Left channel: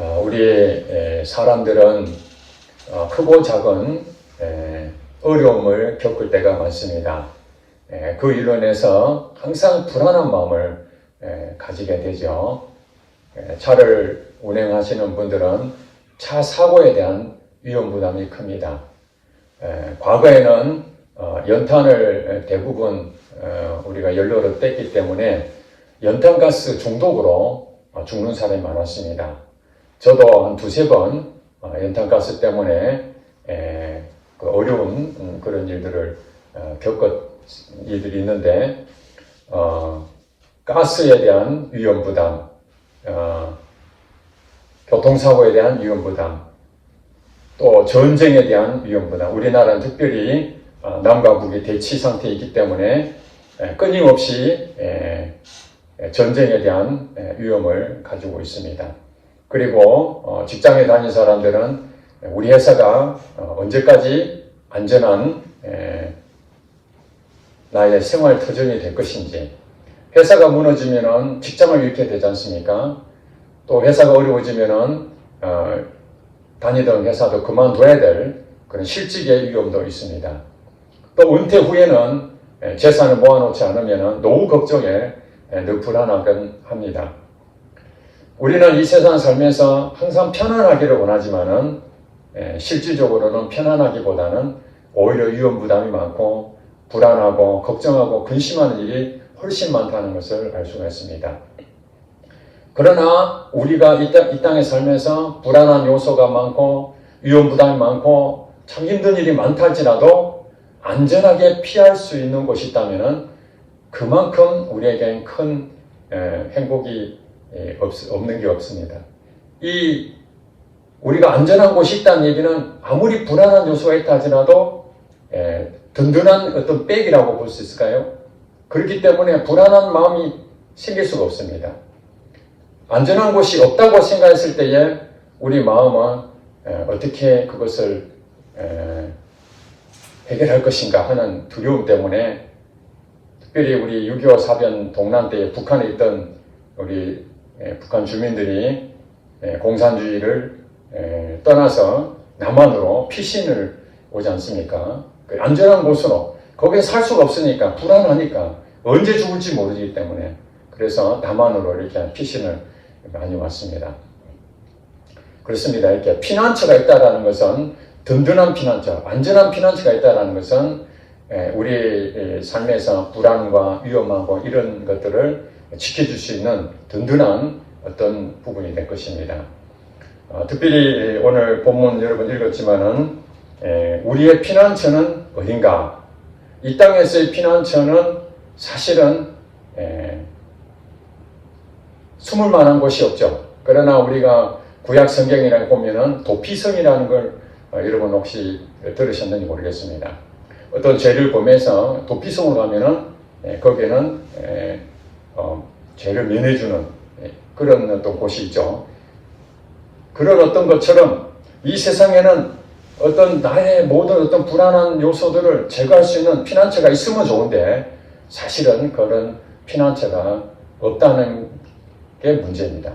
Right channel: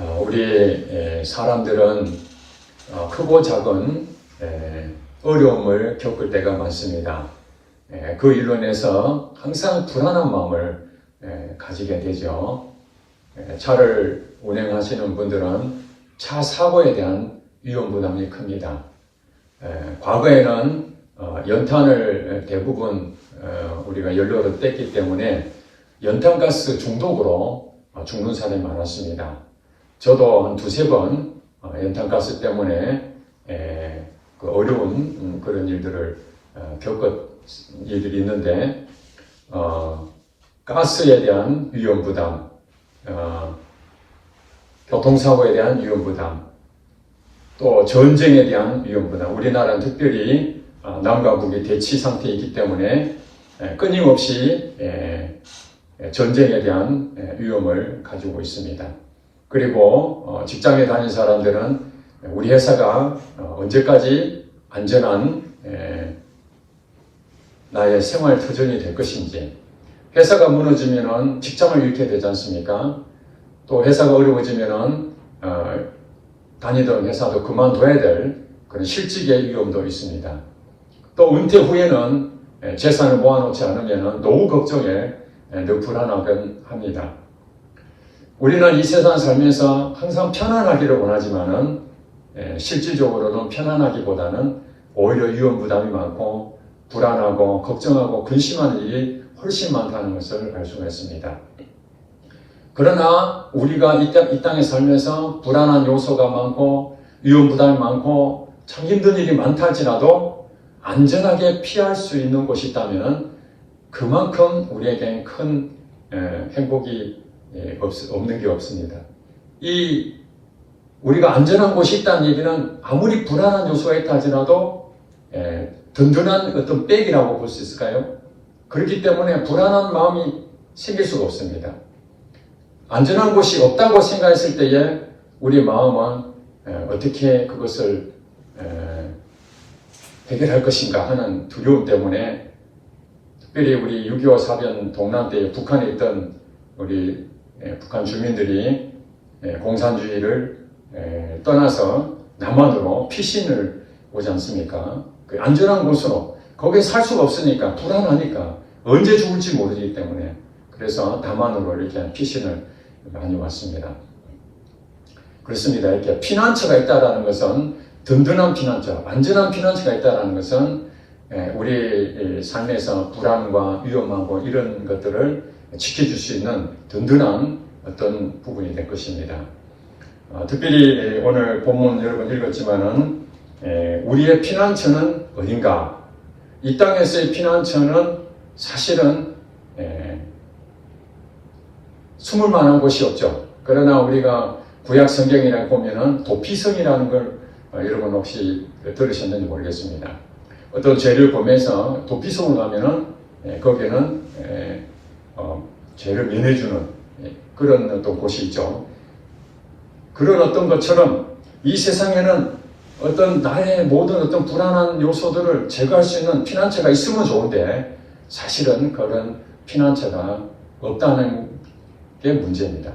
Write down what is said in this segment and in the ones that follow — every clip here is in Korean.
우리 사람들은 크고 작은 어려움을 겪을 때가 많습니다. 그 일로 인해서 항상 불안한 마음을 가지게 되죠. 차를 운행하시는 분들은 차 사고에 대한 위험 부담이 큽니다. 과거에는 연탄을 대부분 우리가 연료로 뗐기 때문에 연탄가스 중독으로 죽는 사람이 많았습니다. 저도 한 두세 번 연탄가스 때문에 그 어려운 그런 일들을 겪은 일들이 있는데, 가스에 대한 위험 부담, 교통사고에 대한 위험 부담, 또 전쟁에 대한 위험 부담. 우리나라는 특별히 남과 북이 대치 상태이기 때문에 끊임없이 전쟁에 대한 위험을 가지고 있습니다. 그리고 직장에 다니는 사람들은 우리 회사가 언제까지 안전한 나의 생활 터전이 될 것인지, 회사가 무너지면은 직장을 잃게 되지 않습니까? 또 회사가 어려워지면은 다니던 회사도 그만둬야 될 그런 실직의 위험도 있습니다. 또 은퇴 후에는 재산을 모아놓지 않으면 노후 걱정에 늘 불안하긴 합니다. 우리는 이 세상 살면서 항상 편안하기를 원하지만은 실질적으로는 편안하기보다는 오히려 위험 부담이 많고 불안하고 걱정하고 근심하는 일이 훨씬 많다는 것을 알 수가 있습니다. 그러나 우리가 이 땅에 살면서 불안한 요소가 많고 위험 부담이 많고 참 힘든 일이 많다 할지라도 안전하게 피할 수 있는 곳이 있다면 그만큼 우리에겐 큰 행복이 없는 게 없습니다. 우리가 안전한 곳이 있다는 얘기는 아무리 불안한 요소가 있다 할지라도 든든한 어떤 백이라고 볼 수 있을까요? 그렇기 때문에 불안한 마음이 생길 수가 없습니다. 안전한 곳이 없다고 생각했을 때에 우리 마음은 어떻게 그것을 해결할 것인가 하는 두려움 때문에, 특별히 우리 6.25 사변 동란 때 북한에 있던 우리 북한 주민들이 공산주의를 떠나서 남한으로 피신을 오지 않습니까? 그 안전한 곳으로, 거기에 살 수가 없으니까, 불안하니까, 언제 죽을지 모르기 때문에, 그래서 남한으로 이렇게 피신을 많이 왔습니다. 그렇습니다. 이렇게 피난처가 있다는 것은, 든든한 피난처, 안전한 피난처가 있다는 것은 우리 삶에서 불안과 위험하고 이런 것들을 지켜줄 수 있는 든든한 어떤 부분이 될 것입니다. 특별히 오늘 본문 여러분 읽었지만은 우리의 피난처는 어딘가? 이 땅에서의 피난처는 사실은 숨을 만한 곳이 없죠. 그러나 우리가 구약 성경이라고 보면은 도피성이라는 걸 여러분 혹시 들으셨는지 모르겠습니다. 어떤 죄를 범해서 도피성을 가면은 거기에는 죄를 면해주는 그런 어떤 곳이 있죠. 그런 어떤 것처럼 이 세상에는 어떤 나의 모든 어떤 불안한 요소들을 제거할 수 있는 피난처가 있으면 좋은데 사실은 그런 피난처가 없다는 게 문제입니다.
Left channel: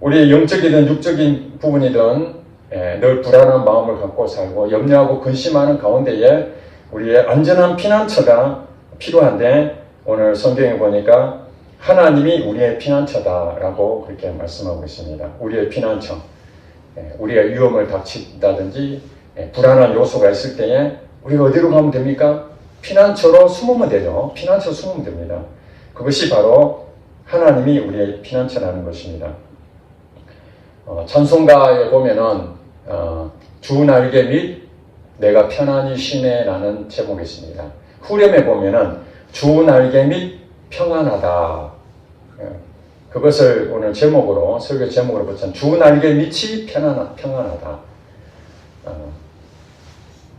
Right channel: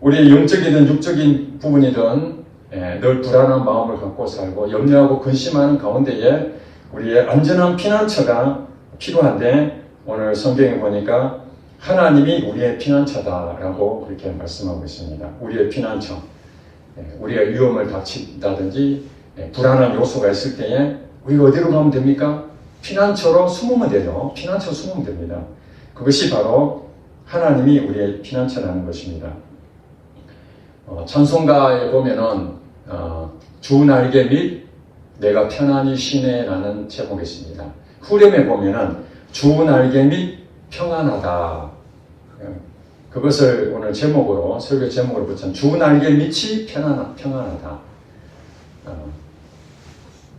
우리 영적이든 육적인 부분이든 늘 불안한 마음을 갖고 살고 염려하고 근심하는 가운데에 우리의 안전한 피난처가 필요한데, 오늘 성경에 보니까 하나님이 우리의 피난처다라고 그렇게 말씀하고 있습니다. 우리의 피난처. 우리가 위험을 닥친다든지 불안한 요소가 있을 때에 우리가 어디로 가면 됩니까? 피난처로 숨으면 되죠. 피난처로 숨으면 됩니다. 그것이 바로 하나님이 우리의 피난처라는 것입니다. 찬송가에 보면은 주 날개 및 내가 편안히 쉬네 라는 제목이 있습니다. 후렴에 보면은 주 날개 및 평안하다. 그것을 오늘 제목으로, 설교 제목으로 붙인 주 날개 밑이 평안하다.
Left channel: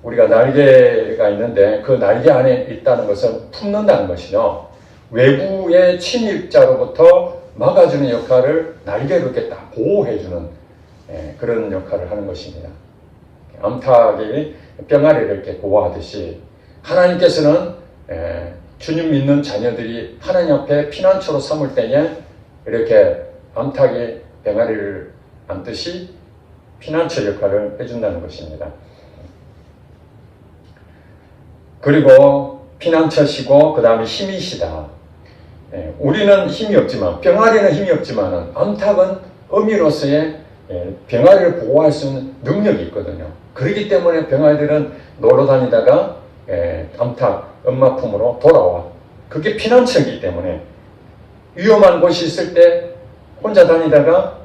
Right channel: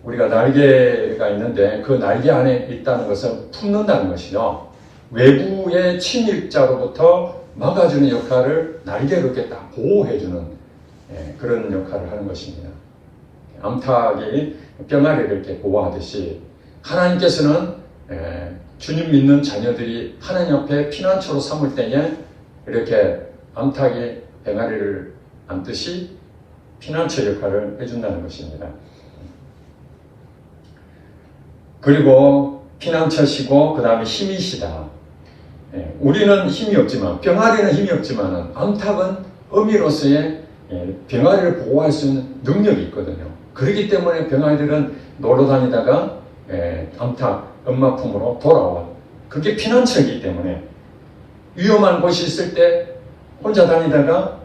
우리가 날개가 있는데 그 날개 안에 있다는 것은 품는다는 것이죠. 외부의 침입자로부터 막아주는 역할을 날개로 이렇게 딱 보호해주는 그런 역할을 하는 것입니다. 암탉이 병아리를 이렇게 보호하듯이 하나님께서는 주님 믿는 자녀들이 하나님 앞에 피난처로 삼을 때에 이렇게 암탉이 병아리를 앉듯이 피난처 역할을 해준다는 것입니다. 그리고 피난처시고 그 다음에 힘이시다. 우리는 힘이 없지만, 병아리는 힘이 없지만 암탉은 어미로서의 병아리를 보호할 수 있는 능력이 있거든요. 그렇기 때문에 병아리들은 놀러 다니다가 암탉 엄마 품으로 돌아와. 그게 피난처이기 때문에 위험한 곳이 있을 때 혼자 다니다가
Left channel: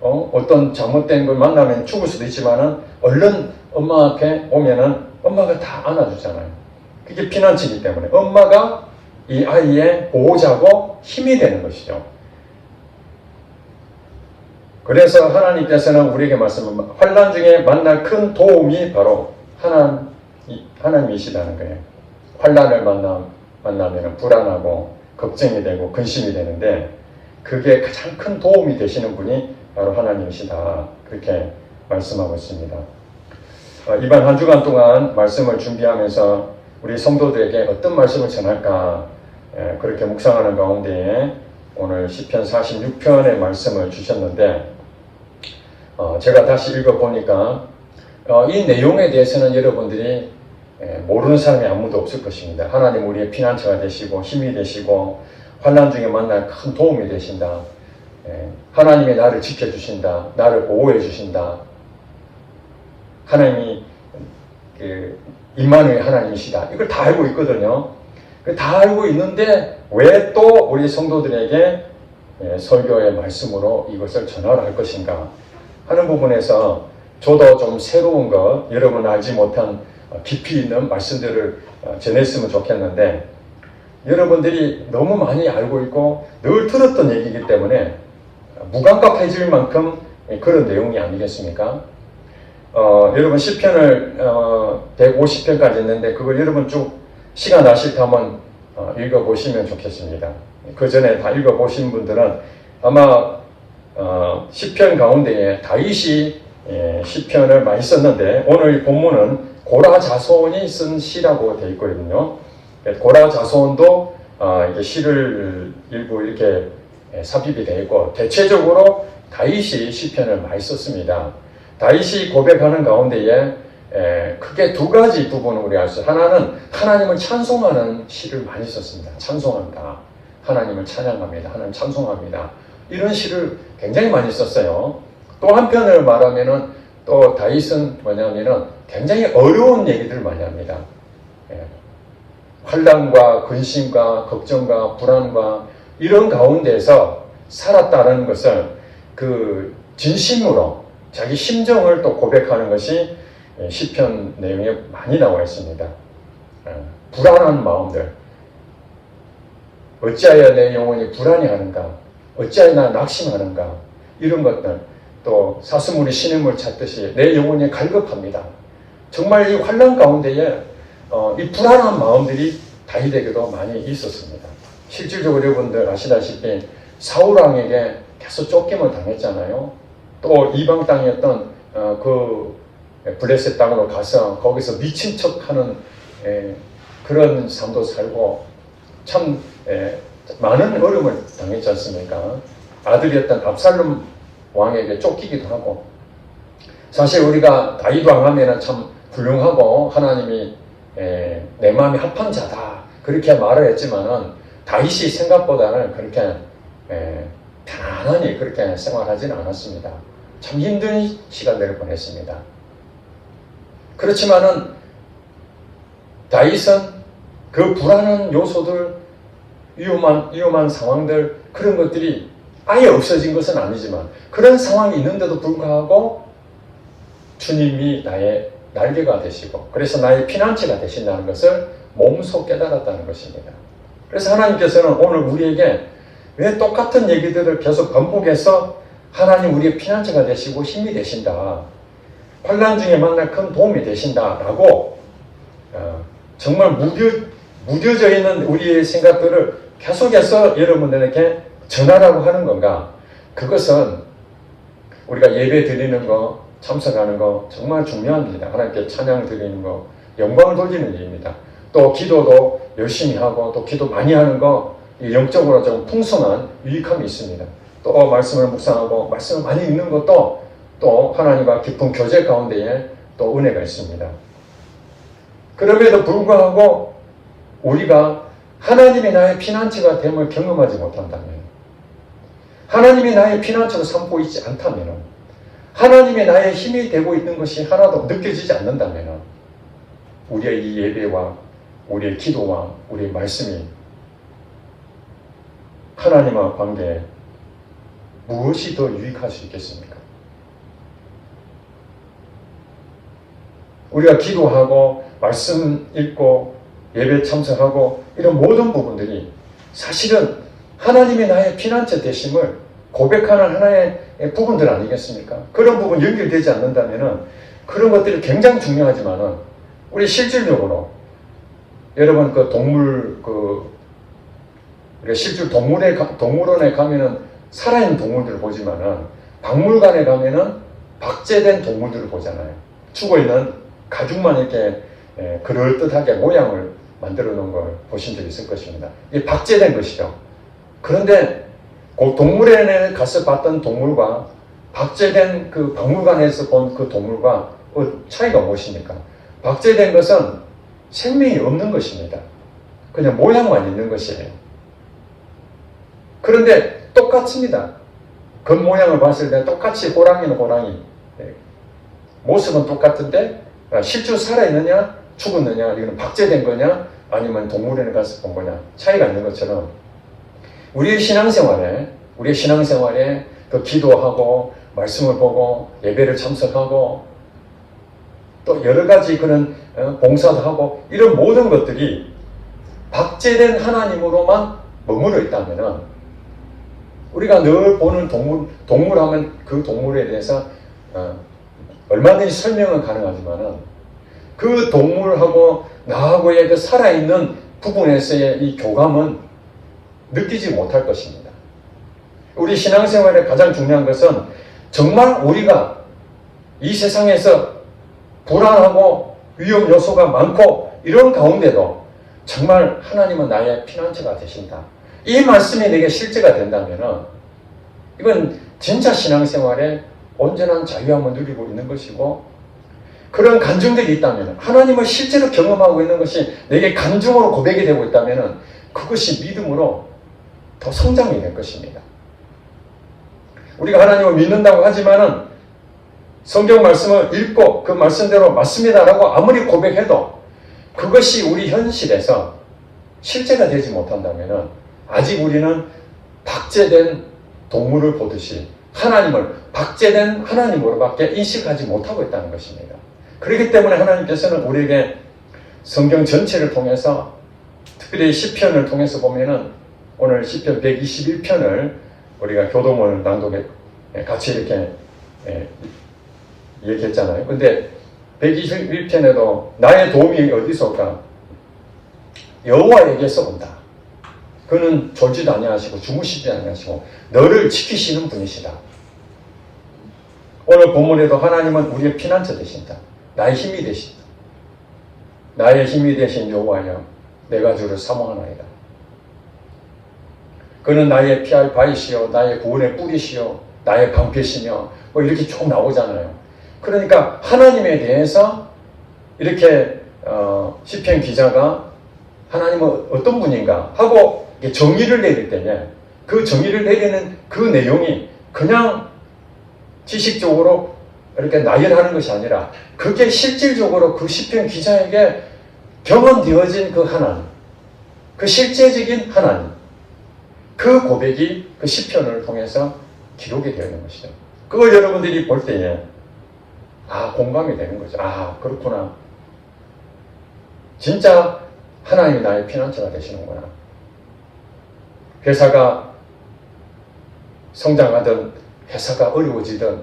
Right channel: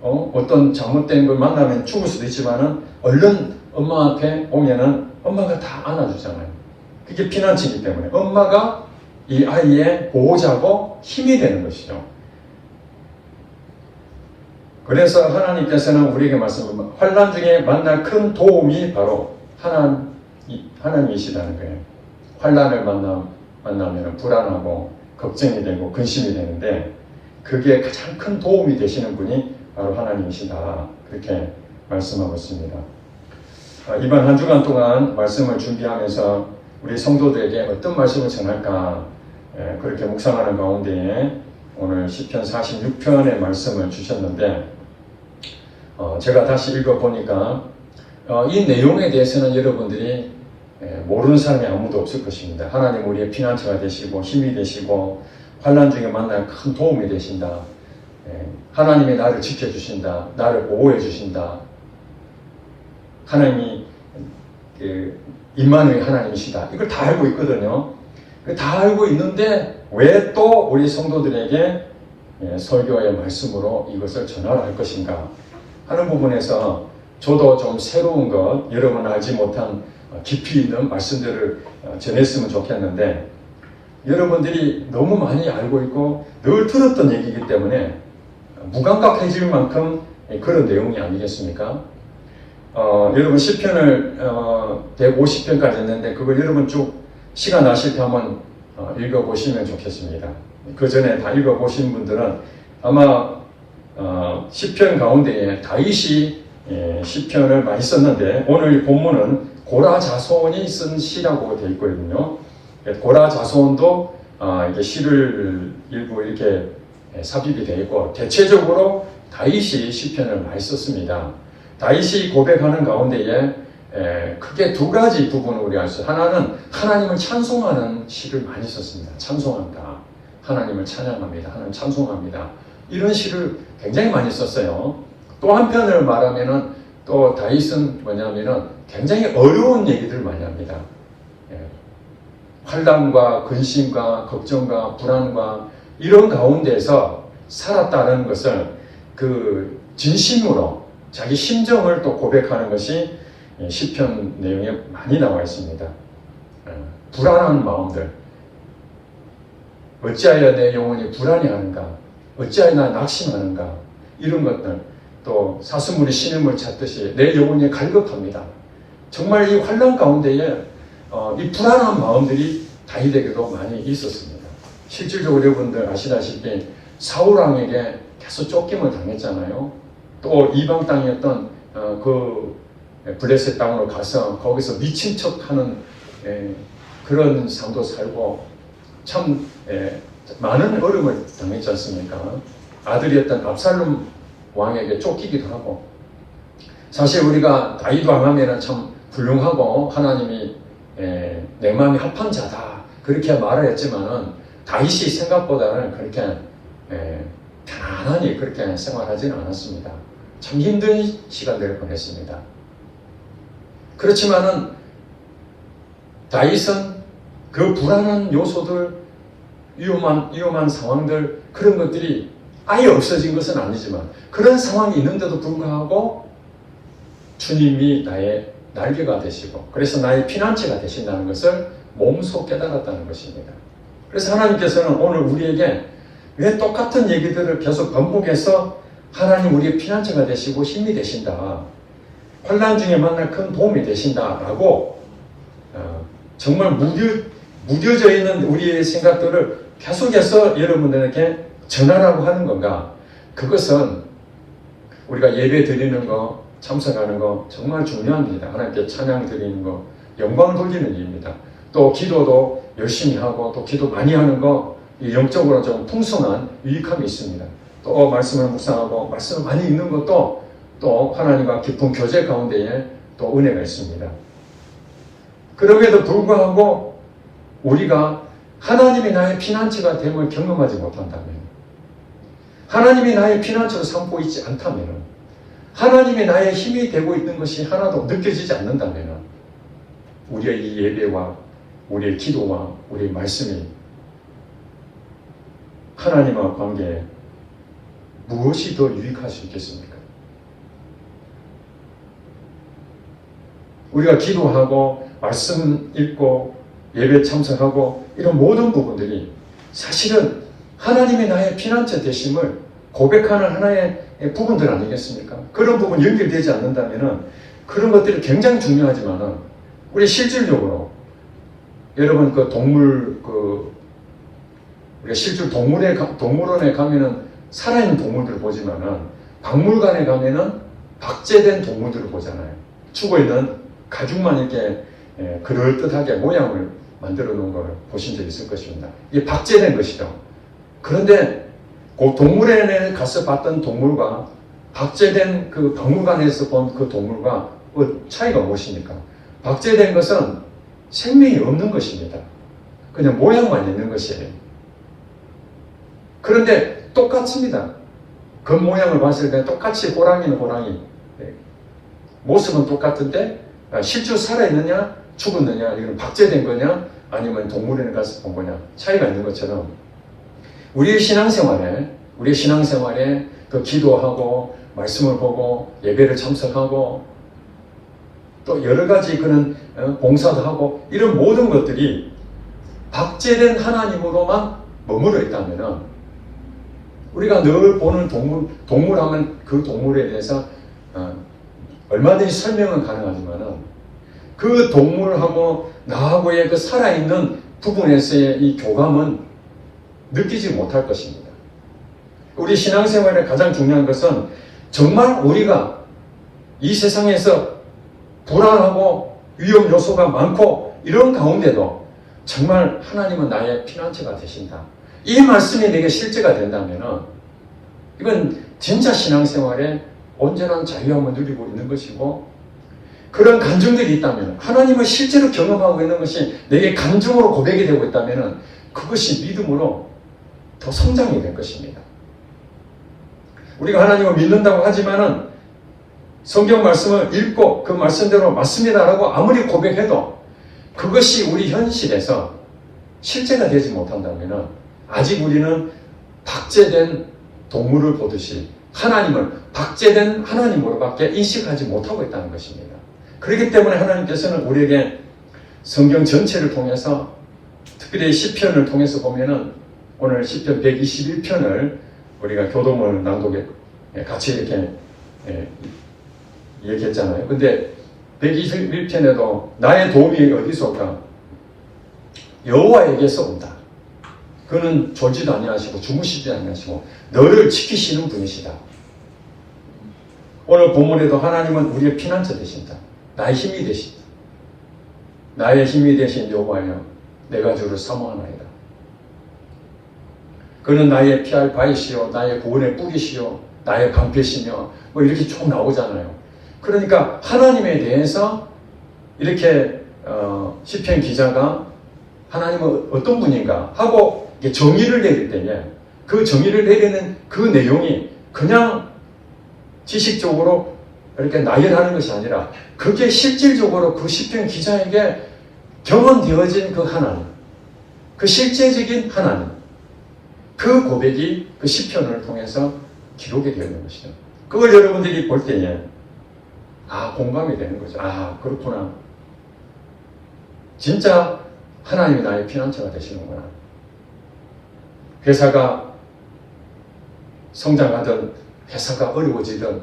어떤 잘못된 걸 만나면 죽을 수도 있지만은 얼른 엄마 앞에 오면은 엄마가 다 안아주잖아요. 그게 피난처이기 때문에 엄마가 이 아이의 보호자고 힘이 되는 것이죠. 그래서 하나님께서는 우리에게 말씀합니다. 환난 중에 만날 큰 도움이 바로 하나님이시다는 거예요. 환난을 만나면 불안하고 걱정이 되고 근심이 되는데 그게 가장 큰 도움이 되시는 분이 바로 하나님이시다. 그렇게 말씀하고 있습니다. 이번 한 주간 동안 말씀을 준비하면서 우리 성도들에게 어떤 말씀을 전할까 그렇게 묵상하는 가운데에 오늘 시편 46편의 말씀을 주셨는데 제가 다시 읽어보니까 이 내용에 대해서는 여러분들이 모르는 사람이 아무도 없을 것입니다. 하나님 우리의 피난처가 되시고 힘이 되시고 환난 중에 만날 큰 도움이 되신다. 하나님이 나를 지켜주신다. 나를 보호해 주신다. 하나님이 임마누엘 하나님이시다. 이걸 다 알고 있거든요. 다 알고 있는데 왜 또 우리 성도들에게 설교의 말씀으로 이것을 전할 것인가 하는 부분에서 저도 좀 새로운 것, 여러분 알지 못한 깊이 있는 말씀들을 전했으면 좋겠는데 여러분들이 너무 많이 알고 있고 늘 들었던 얘기이기 때문에 무감각해질 만큼 그런 내용이 아니겠습니까? 여러분 시편을 150편까지 했는데 그걸 여러분 쭉 시간 나실 때 한번 읽어보시면 좋겠습니다. 그 전에 다 읽어보신 분들은 아마 시편 가운데에 다윗이 시편을 많이 썼는데 오늘 이 본문은 고라 자손이 쓴 시라고 되어 있거든요. 고라 자손도 이게 시를 일부 이렇게 삽입이 되어 있고 대체적으로 다윗이 시편을 많이 썼습니다. 다윗이 고백하는 가운데에 크게 두 가지 부분을 우리 알 수 있어요. 하나는 하나님을 찬송하는 시를 많이 썼습니다. 찬송한다. 하나님을 찬양합니다. 하나님 찬송합니다. 이런 시를 굉장히 많이 썼어요. 또 한편을 말하면은 또 다윗은 뭐냐면은 굉장히 어려운 얘기들을 많이 합니다. 환난과 근심과 걱정과 불안과 이런 가운데서 살았다는 것을 그 진심으로 자기 심정을 또 고백하는 것이 시편 내용에 많이 나와 있습니다. 불안한 마음들, 어찌하여 내 영혼이 불안해하는가, 어찌하여 나 낙심하는가, 이런 것들, 또 사슴물이 신음을 찾듯이 내 영혼이 갈급합니다. 정말 이 환난 가운데에 이 불안한 마음들이 다윗에게도 많이 있었습니다. 실질적으로 여러분들 아시다시피 사울왕에게 계속 쫓김을 당했잖아요. 또 이방 땅이었던 그 블레셋 땅으로 가서 거기서 미친 척하는 그런 삶도 살고 참 많은 어려움을 당했지 않습니까? 아들이었던 압살롬 왕에게 쫓기기도 하고 사실 우리가 다윗 왕 하면 참 훌륭하고 하나님이 내 마음이 합한 자다 그렇게 말을 했지만은 다윗이 생각보다는 그렇게 편안하니 그렇게 생활하지는 않았습니다. 참 힘든 시간들을 보냈습니다. 그렇지만은 다윗은 그 불안한 요소들, 위험한 상황들 그런 것들이 아예 없어진 것은 아니지만 그런 상황이 있는데도 불구하고 주님이 나의 날개가 되시고 그래서 나의 피난처가 되신다는 것을 몸소 깨달았다는 것입니다. 그래서 하나님께서는 오늘 우리에게 왜 똑같은 얘기들을 계속 반복해서 하나님 우리의 피난처가 되시고 힘이 되신다. 환난 중에 만날 큰 도움이 되신다라고 정말 무뎌져 있는 우리의 생각들을 계속해서 여러분들에게 전하라고 하는 건가? 그것은 우리가 예배 드리는 거, 참석하는 거 정말 중요한 일이다. 하나님께 찬양 드리는 거, 영광을 돌리는 일입니다. 또 기도도 열심히 하고 또 기도 많이 하는 거 영적으로 좀 풍성한 유익함이 있습니다. 또 말씀을 묵상하고 말씀을 많이 읽는 것도 또 하나님과 깊은 교제 가운데에 또 은혜가 있습니다. 그럼에도 불구하고 우리가 하나님이 나의 피난처가 됨을 경험하지 못한다면, 하나님이 나의 피난처로 삼고 있지 않다면, 하나님이 나의 힘이 되고 있는 것이 하나도 느껴지지 않는다면 우리의 이 예배와 우리의 기도와 우리의 말씀이 하나님과 관계에 무엇이 더 유익할 수 있겠습니까? 우리가 기도하고 말씀 읽고 예배 참석하고 이런 모든 부분들이 사실은 하나님이 나의 피난처 되심을 고백하는 하나의 부분들 아니겠습니까? 그런 부분 연결되지 않는다면 그런 것들이 굉장히 중요하지만 우리 실질적으로 여러분 실질 동물원에 가면은 살아있는 동물들을 보지만은 박물관에 가면은 박제된 동물들을 보잖아요. 죽어있는 가죽만 이렇게 그럴듯하게 모양을 만들어 놓은 걸 보신 적이 있을 것입니다. 이게 박제된 것이죠. 그런데 그 동물원에 가서 봤던 동물과 박제된 그 박물관에서 본 그 동물과 차이가 무엇입니까? 박제된 것은 생명이 없는 것입니다. 그냥 모양만 있는 것이에요. 그런데 똑같습니다. 겉모양을 봤을 때 똑같이 호랑이는 호랑이, 모습은 똑같은데 실제로 살아있느냐 죽었느냐, 이거는 박제된 거냐 아니면 동물원에 가서 본 거냐 차이가 있는 것처럼 우리의 신앙생활에 그 기도하고 말씀을 보고 예배를 참석하고 또 여러 가지 그런 봉사도 하고 이런 모든 것들이 박제된 하나님으로만 머물러 있다면 우리가 늘 보는 동물하면 그 동물에 대해서 얼마든지 설명은 가능하지만 그 동물하고 나하고의 그 살아있는 부분에서의 이 교감은 느끼지 못할 것입니다. 우리 신앙생활의 가장 중요한 것은 정말 우리가 이 세상에서 불안하고 위험 요소가 많고 이런 가운데도 정말 하나님은 나의 피난처가 되신다. 이 말씀이 내게 실제가 된다면 이건 진짜 신앙생활에 온전한 자유함을 누리고 있는 것이고 그런 간증들이 있다면 하나님을 실제로 경험하고 있는 것이 내게 간증으로 고백이 되고 있다면 그것이 믿음으로 더 성장이 될 것입니다. 우리가 하나님을 믿는다고 하지만은 성경 말씀을 읽고 그 말씀대로 맞습니다라고 아무리 고백해도 그것이 우리 현실에서 실제가 되지 못한다면 아직 우리는 박제된 동물을 보듯이 하나님을 박제된 하나님으로밖에 인식하지 못하고 있다는 것입니다. 그렇기 때문에 하나님께서는 우리에게 성경 전체를 통해서 특별히 시편을 통해서 보면은 오늘 시편 121편을 우리가 교도문을 낭독에 같이 이렇게 얘기했잖아요. 근데 121편에도 나의 도움이 어디서 올까? 여호와에게서 온다. 그는 졸지도 아니하시고 주무시지 아니하시고 너를 지키시는 분이시다. 오늘 본문에도 하나님은 우리의 피난처 되신다. 나의 힘이 되신다. 나의 힘이 되신 여호와여 내가 주를 사모하나이다. 그는 나의 피할 바위시요 나의 구원의 뿌리시요 나의 방패시며 뭐 이렇게 쭉 나오잖아요. 그러니까 하나님에 대해서 이렇게 시편 기자가 하나님은 어떤 분인가 하고 정의를 내릴 때에 그 정의를 내리는 그 내용이 그냥 지식적으로 이렇게 나열하는 것이 아니라 그게 실질적으로 그 시편 기자에게 경험되어진 그 하나님, 그 실제적인 하나님, 그 고백이 그 시편을 통해서 기록이 되는 것이죠. 그걸 여러분들이 볼 때에 공감이 되는 거죠. 그렇구나. 진짜 하나님이 나의 피난처가 되시는구나. 회사가 성장하든 회사가 어려워지든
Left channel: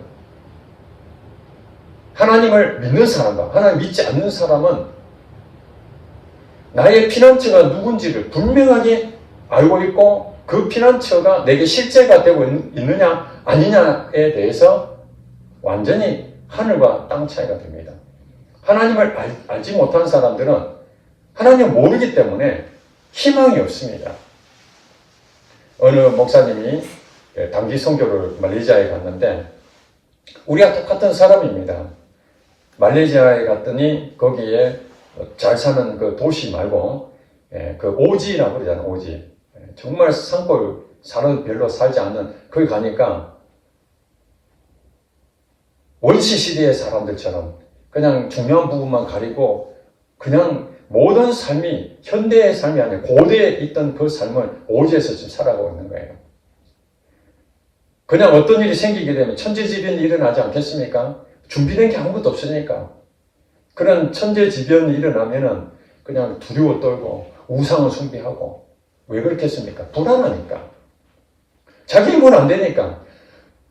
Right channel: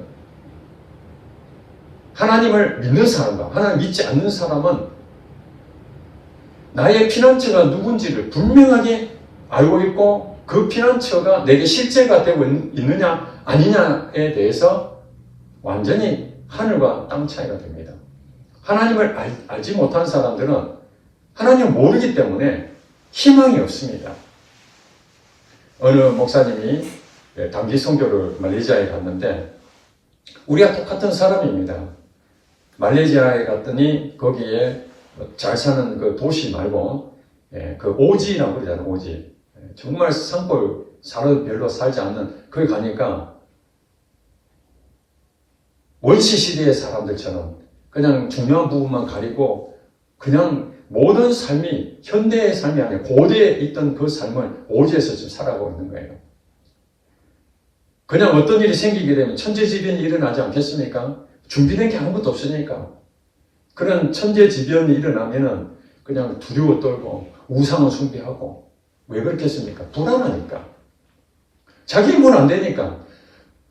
하나님을 믿는 사람과 하나님 믿지 않는 사람은 나의 피난처가 누군지를 분명하게 알고 있고 그 피난처가 내게 실제가 되고 있느냐 아니냐에 대해서 완전히 하늘과 땅 차이가 됩니다. 하나님을 알지 못한 사람들은 하나님을 모르기 때문에 희망이 없습니다. 어느 목사님이 단기 선교를 말레이시아에 갔는데 우리가 똑같은 사람입니다. 말레이시아에 갔더니 거기에 잘 사는 그 도시 말고 그 오지라고 그러잖아요. 오지. 정말 산골 사람 별로 살지 않는 거기 가니까 원시 시대의 사람들처럼 그냥 중요한 부분만 가리고 그냥 모든 삶이 현대의 삶이 아니라 고대에 있던 그 삶을 오지에서 지금 살아가고 있는 거예요. 그냥 어떤 일이 생기게 되면 천재지변이 일어나지 않겠습니까? 준비된 게 아무것도 없으니까. 그런 천재지변이 일어나면은 그냥 두려워 떨고 우상을 숭배하고 왜 그렇겠습니까? 불안하니까. 자기 일 안 되니까.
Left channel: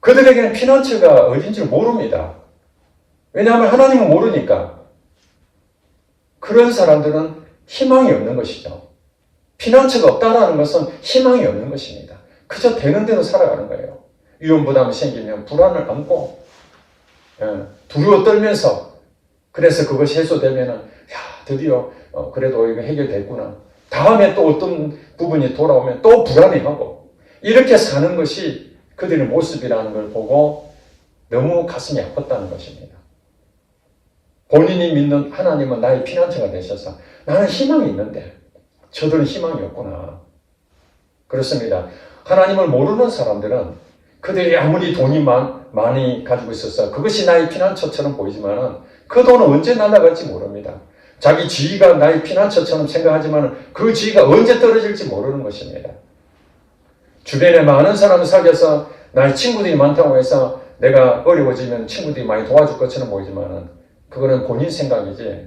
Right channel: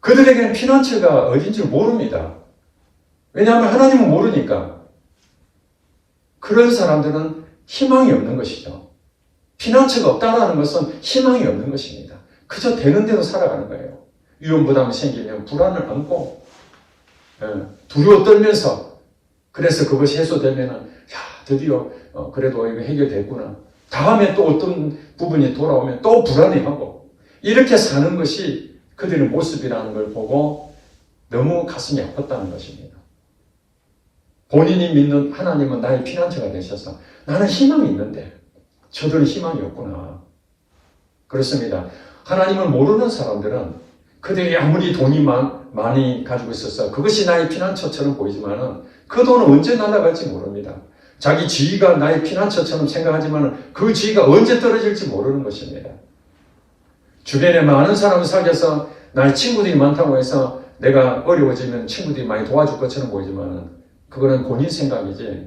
그들에게는 피난처가 어딘 줄 모릅니다. 왜냐하면 하나님은 모르니까. 그런 사람들은 희망이 없는 것이죠. 피난처가 없다는 것은 희망이 없는 것입니다. 그저 되는 대로 살아가는 거예요. 위험부담이 생기면 불안을 안고 두려워 떨면서 그래서 그것이 해소되면은 드디어 그래도 이거 해결됐구나. 다음에 또 어떤 부분이 돌아오면 또 불안해하고 이렇게 사는 것이 그들의 모습이라는 걸 보고 너무 가슴이 아팠다는 것입니다. 본인이 믿는 하나님은 나의 피난처가 되셔서 나는 희망이 있는데 저들은 희망이 없구나. 그렇습니다. 하나님을 모르는 사람들은 그들이 아무리 돈이 많이 가지고 있어서 그것이 나의 피난처처럼 보이지만 그 돈은 언제 날아갈지 모릅니다. 자기 지위가 나의 피난처처럼 생각하지만 그 지위가 언제 떨어질지 모르는 것입니다. 주변에 많은 사람을 사귀어서 나의 친구들이 많다고 해서 내가 어려워지면 친구들이 많이 도와줄 것처럼 보이지만 그거는 본인 생각이지.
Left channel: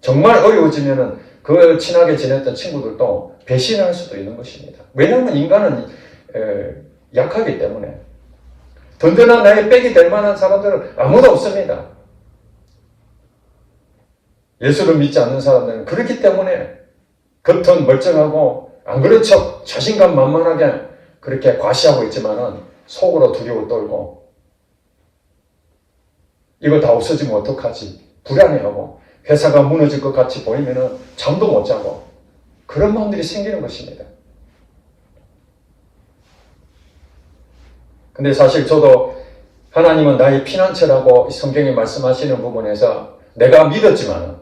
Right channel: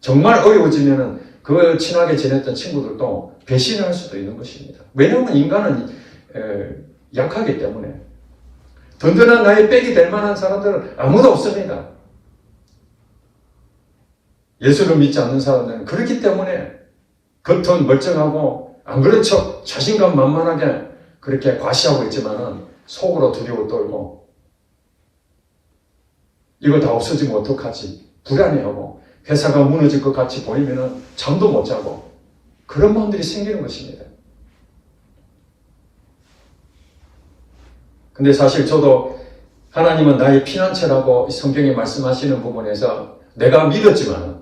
정말 어려워지면 그 친하게 지냈던 친구들도 배신할 수도 있는 것입니다. 왜냐하면 인간은 약하기 때문에 든든한 나의 백이 될 만한 사람들은 아무도 없습니다. 예수를 믿지 않는 사람들은 그렇기 때문에 겉은 멀쩡하고 안 그런 척 자신감 만만하게 그렇게 과시하고 있지만은 속으로 두려워 떨고 이거 다 없어지면 어떡하지? 불안해하고 회사가 무너질 것 같이 보이면은 잠도 못 자고 그런 마음들이 생기는 것입니다. 근데 사실 저도 하나님은 나의 피난처라고 성경에 말씀하시는 부분에서 내가 믿었지만은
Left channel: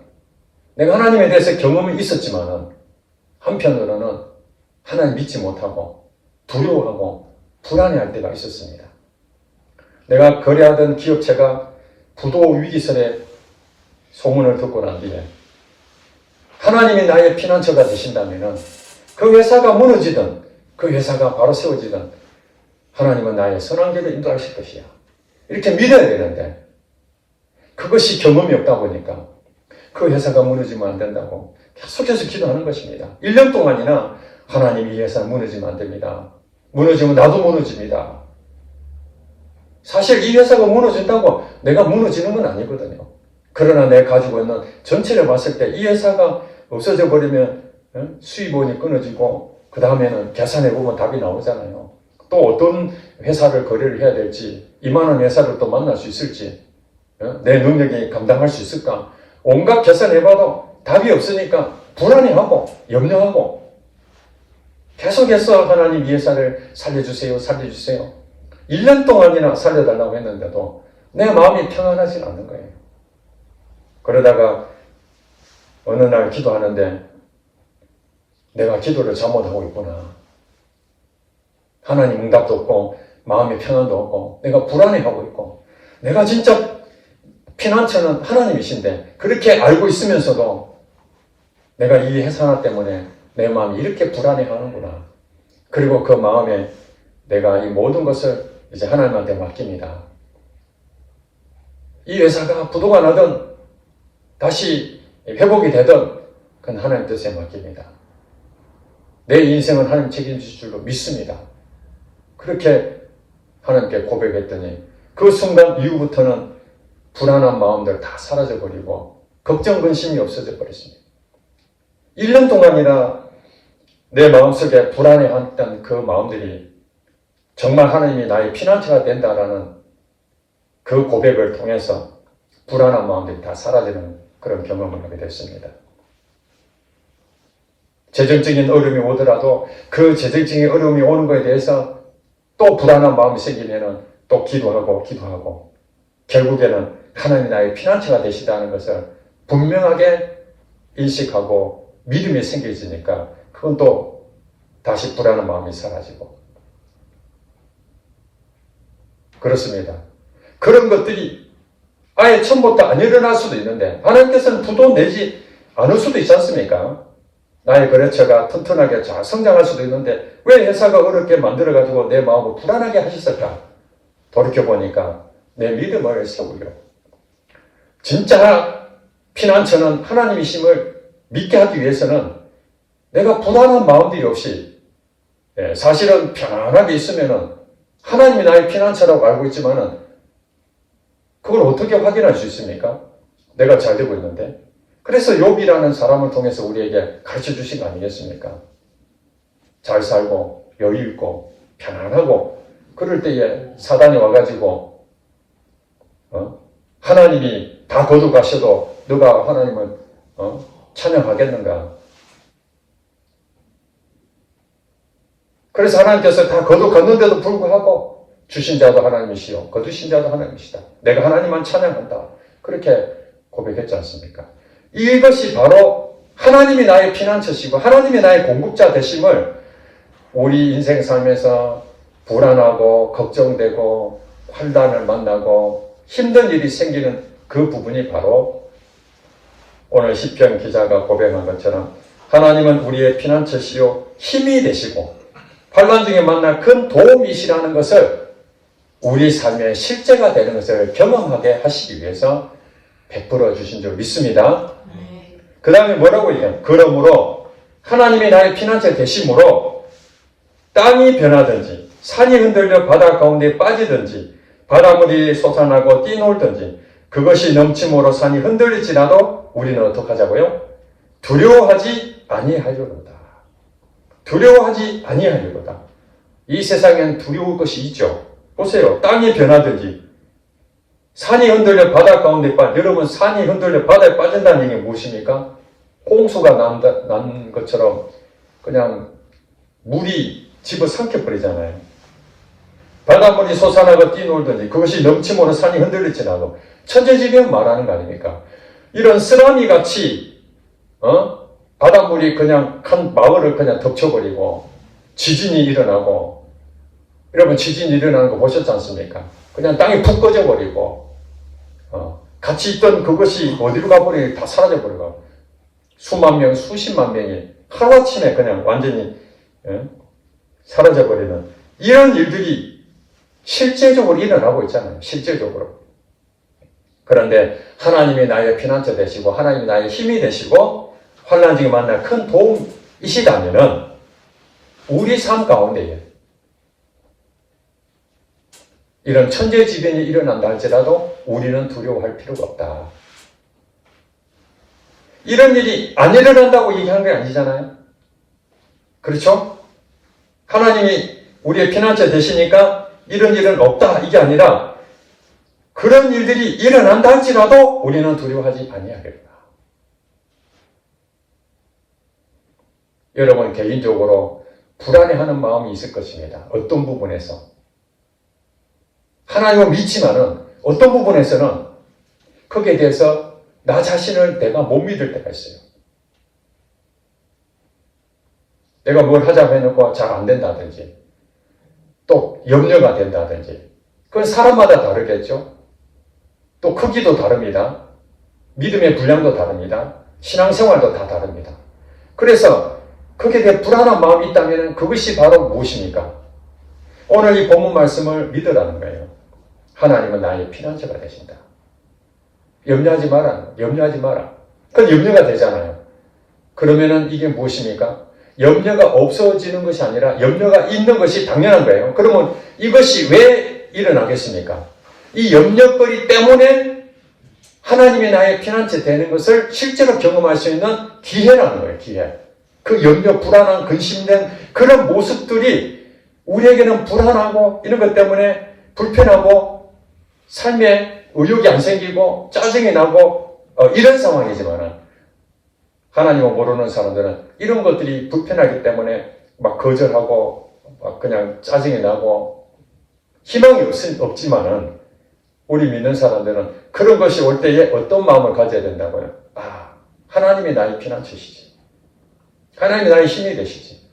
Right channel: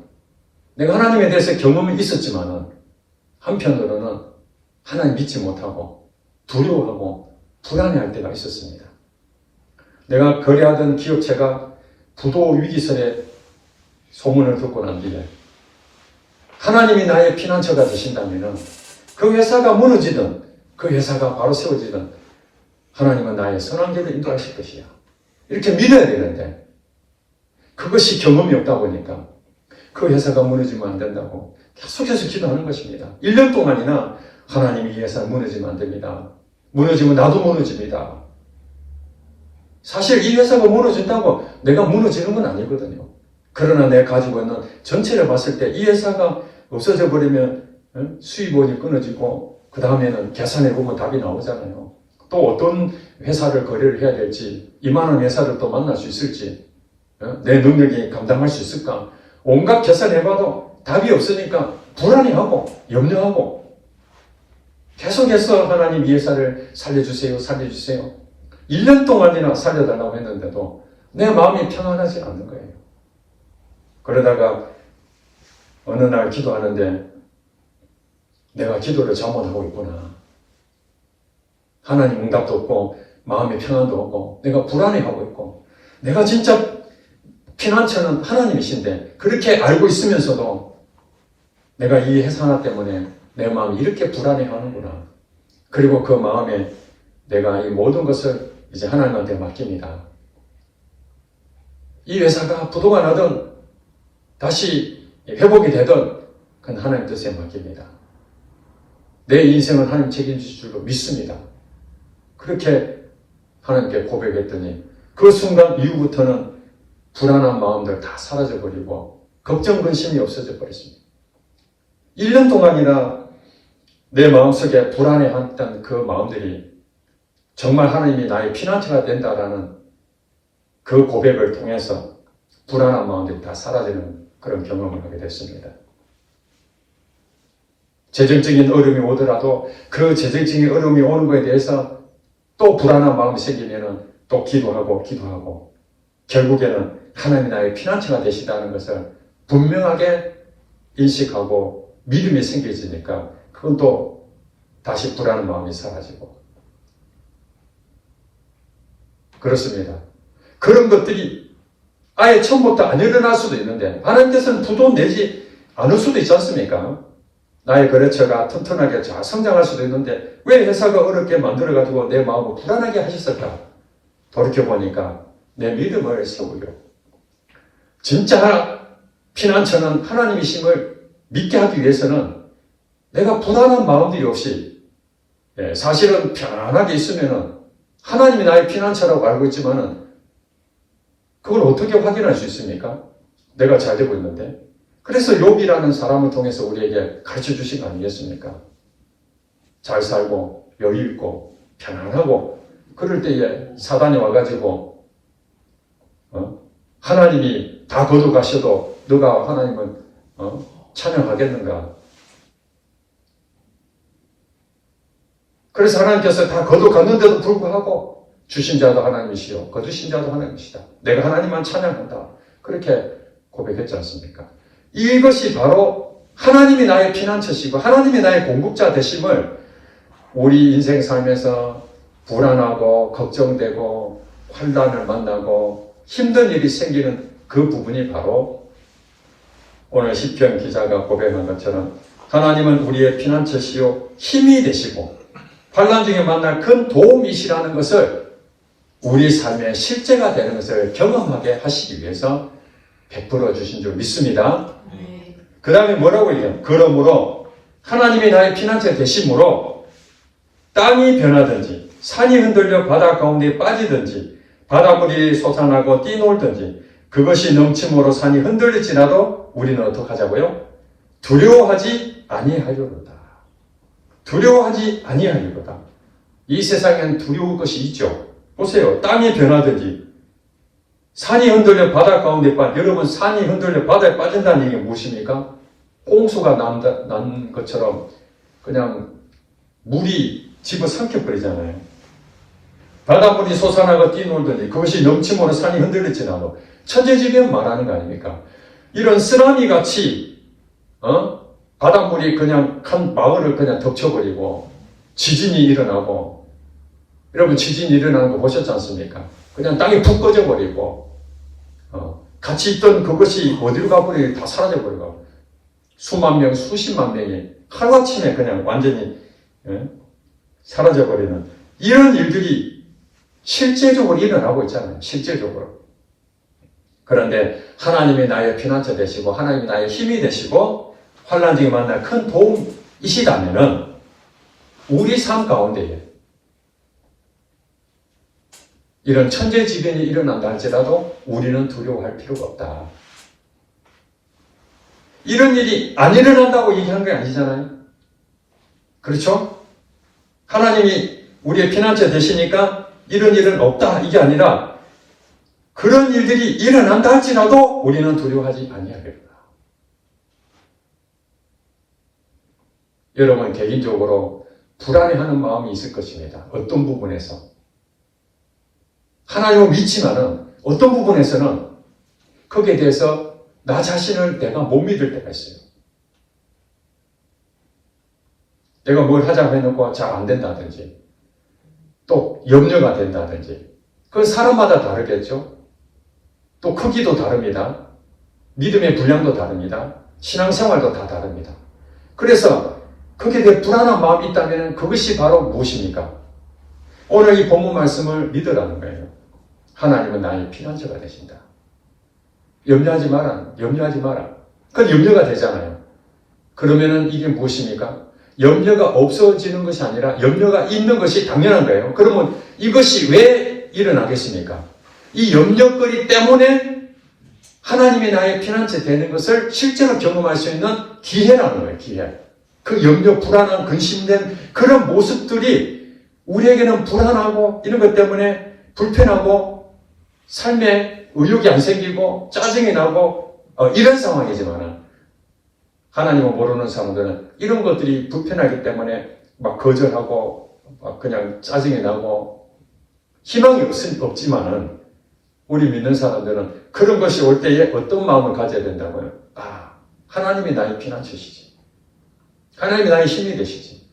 내가 하나님에 대해서 경험이 있었지만은 한편으로는 하나님 믿지 못하고 두려워하고 불안해할 때가 있었습니다. 내가 거래하던 기업체가 부도 위기설에 소문을 듣고 난 뒤에 하나님이 나의 피난처가 되신다면 그 회사가 무너지든 그 회사가 바로 세워지든 하나님은 나의 선한 길을 인도하실 것이야. 이렇게 믿어야 되는데 그것이 경험이 없다 보니까 그 회사가 무너지면 안 된다고 계속해서 기도하는 것입니다. 1년 동안이나 하나님 이 회사 무너지면 안 됩니다. 무너지면 나도 무너집니다. 사실 이 회사가 무너진다고 내가 무너지는 건 아니거든요. 그러나 내가 가지고 있는 전체를 봤을 때 이 회사가 없어져 버리면 수입원이 끊어지고 그 다음에는 계산해보면 답이 나오잖아요. 또 어떤 회사를 거래를 해야 될지 이만한 회사를 또 만날 수 있을지 내 능력이 감당할 수 있을까 온갖 계산해봐도 답이 없으니까 불안해하고 염려하고 계속해서 하나님 이 회사를 살려주세요 살려주세요 1년 동안이나 살려달라고 했는데도 내 마음이 평안하지 않는 거예요. 그러다가 어느 날 기도하는데 내가 기도를 잘못하고 있구나. 하나님 응답도 없고 마음의 평안도 없고 내가 불안해하고 있고 내가 진짜 피난처는 하나님이신데 그렇게 알고 있으면서도 내가 이 회사 하나 때문에 내 마음이 이렇게 불안해하는구나. 그리고 그 마음에 내가 이 모든 것을 이제 하나님한테 맡깁니다. 이 회사가 부도가 나든 다시 회복이 되든 그건 하나님 뜻에 맡깁니다. 내 인생은 하나님 책임질 줄로 믿습니다. 그렇게 하나님께 고백했더니 그 순간 이후부터는 불안한 마음들 다 사라져버리고 걱정 근심이 없어져 버렸습니다. 1년 동안이나 내 마음속에 불안해했던 그 마음들이 정말 하나님이 나의 피난처가 된다라는 그 고백을 통해서 불안한 마음들이 다 사라지는 그런 경험을 하게 됐습니다. 재정적인 어려움이 오더라도 그 재정적인 어려움이 오는 것에 대해서 또 불안한 마음이 생기면은 또 기도하고 결국에는 하나님이 나의 피난처가 되시다는 것을 분명하게 인식하고 믿음이 생겨지니까 그건 또 다시 불안한 마음이 사라지고 그렇습니다. 그런 것들이 아예 처음부터 안 일어날 수도 있는데 하나님께서는 부도 내지 않을 수도 있지 않습니까? 나의 거래처가 튼튼하게 잘 성장할 수도 있는데 왜 회사가 어렵게 만들어가지고 내 마음을 불안하게 하셨을까? 돌이켜보니까 내 믿음을 세우려. 진짜 피난처는 하나님이심을 믿게 하기 위해서는 내가 불안한 마음들이 없이 사실은 편안하게 있으면은 하나님이 나의 피난처라고 알고 있지만은 그걸 어떻게 확인할 수 있습니까? 내가 잘 되고 있는데. 그래서 욥이라는 사람을 통해서 우리에게 가르쳐 주신 거 아니겠습니까? 잘 살고 여유 있고 편안하고 그럴 때에 사단이 와가지고 하나님이 다 거둬가셔도 너가 하나님을 찬양하겠는가? 그래서 하나님께서 다 거둬갔는데도 불구하고 주신 자도 하나님이시요 거두신 자도 하나님이시다. 내가 하나님만 찬양한다. 그렇게 고백했지 않습니까? 이것이 바로 하나님이 나의 피난처시고 하나님이 나의 공급자 되심을 우리 인생 삶에서 불안하고 걱정되고 환난을 만나고 힘든 일이 생기는 그 부분이 바로 오늘 시편 기자가 고백한 것처럼 하나님은 우리의 피난처시요 힘이 되시고 환난 중에 만날 큰 도움이시라는 것을 우리 삶의 실제가 되는 것을 경험하게 하시기 위해서 베풀어 주신 줄 믿습니다. 그 다음에 뭐라고 얘기해요? 그러므로 하나님이 나의 피난처 되심으로 땅이 변하든지 산이 흔들려 바다 가운데 빠지든지 바닷물이 솟아나고 뛰놀든지 그것이 넘침으로 산이 흔들릴지라도 우리는 어떻게 하자고요? 두려워하지 아니하려는다. 두려워하지 아니하려다. 이 세상엔 두려울 것이 있죠. 보세요. 땅이 변하든지 산이 흔들려 바다 가운데 여러분 산이 흔들려 바다에 빠진다는 얘기 무엇입니까? 홍수가 난 것처럼 그냥 물이 집어 삼켜버리잖아요. 바닷물이 솟아나고 뛰놀든지 그것이 넘침으로 산이 흔들릴지라도 천재지변 말하는 거 아닙니까? 이런 쓰나미 같이 바닷물이 그냥 한 마을을 그냥 덮쳐버리고 지진이 일어나고 여러분 지진이 일어나는 거 보셨지 않습니까? 그냥 땅이 푹 꺼져버리고 같이 있던 그것이 어디로 가버리고 다 사라져버리고 수만 명, 수십만 명이 하루아침에 그냥 완전히 사라져버리는 이런 일들이 실제적으로 일어나고 있잖아요. 실제적으로. 그런데 하나님이 나의 피난처 되시고 하나님이 나의 힘이 되시고 환난 중에 만날 큰 도움이시다면은 우리 삶 가운데에 이런 천재지변이 일어난다 할지라도 우리는 두려워할 필요가 없다. 이런 일이 안 일어난다고 얘기하는 게 아니잖아요. 그렇죠? 하나님이 우리의 피난처 되시니까 이런 일은 없다 이게 아니라 그런 일들이 일어난다 할지라도 우리는 두려워하지 아니하리라. 여러분 개인적으로 불안해하는 마음이 있을 것입니다. 어떤 부분에서 하나님을 믿지만은 어떤 부분에서는 거기에 대해서 나 자신을 내가 못 믿을 때가 있어요. 내가 뭘 하자고 해놓고 잘 안 된다든지 또 염려가 된다든지 그건 사람마다 다르겠죠. 또 크기도 다릅니다. 믿음의 분량도 다릅니다. 신앙생활도 다 다릅니다. 그래서 거기에 대해 불안한 마음이 있다면 그것이 바로 무엇입니까? 오늘 이 본문 말씀을 믿으라는 거예요. 하나님은 나의 피난처가 되신다. 염려하지 마라. 염려하지 마라. 그건 염려가 되잖아요. 그러면은 이게 무엇입니까? 염려가 없어지는 것이 아니라 염려가 있는 것이 당연한 거예요. 그러면 이것이 왜 일어나겠습니까? 이 염려거리 때문에 하나님이 나의 피난처 되는 것을 실제로 경험할 수 있는 기회라는 거예요. 기회. 그 염려, 불안한, 근심된 그런 모습들이 우리에게는 불안하고 이런 것 때문에 불편하고 삶에 의욕이 안 생기고 짜증이 나고 이런 상황이지만 하나님을 모르는 사람들은 이런 것들이 불편하기 때문에 막 거절하고 막 그냥 짜증이 나고 희망이 없지만은 우리 믿는 사람들은 그런 것이 올 때에 어떤 마음을 가져야 된다고요? 아, 하나님이 나의 피난처시지. 하나님이 나의 힘이 되시지.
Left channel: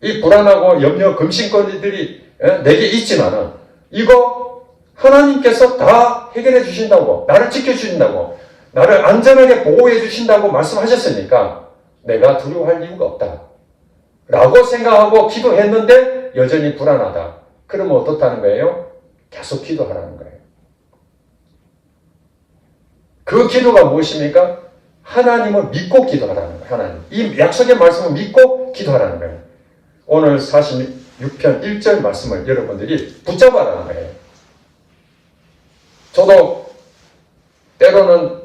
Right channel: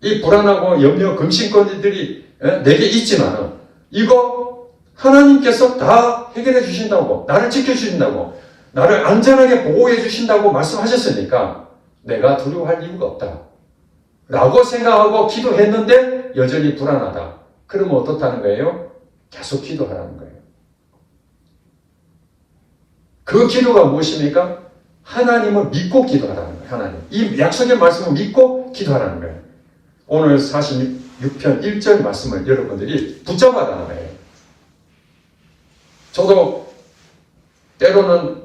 이 불안하고 염려, 금신거리들이 내게 있지만은 이거 하나님께서 다 해결해 주신다고, 나를 지켜주신다고, 나를 안전하게 보호해 주신다고 말씀하셨으니까 내가 두려워할 이유가 없다. 라고 생각하고 기도했는데 여전히 불안하다. 그러면 어떻다는 거예요? 계속 기도하라는 거예요. 그 기도가 무엇입니까? 하나님을 믿고 기도하라는 거예요. 하나님. 이 약속의 말씀을 믿고 기도하라는 거예요. 오늘 46편 1절 말씀을 여러분들이 붙잡아라는 거예요. 저도 때로는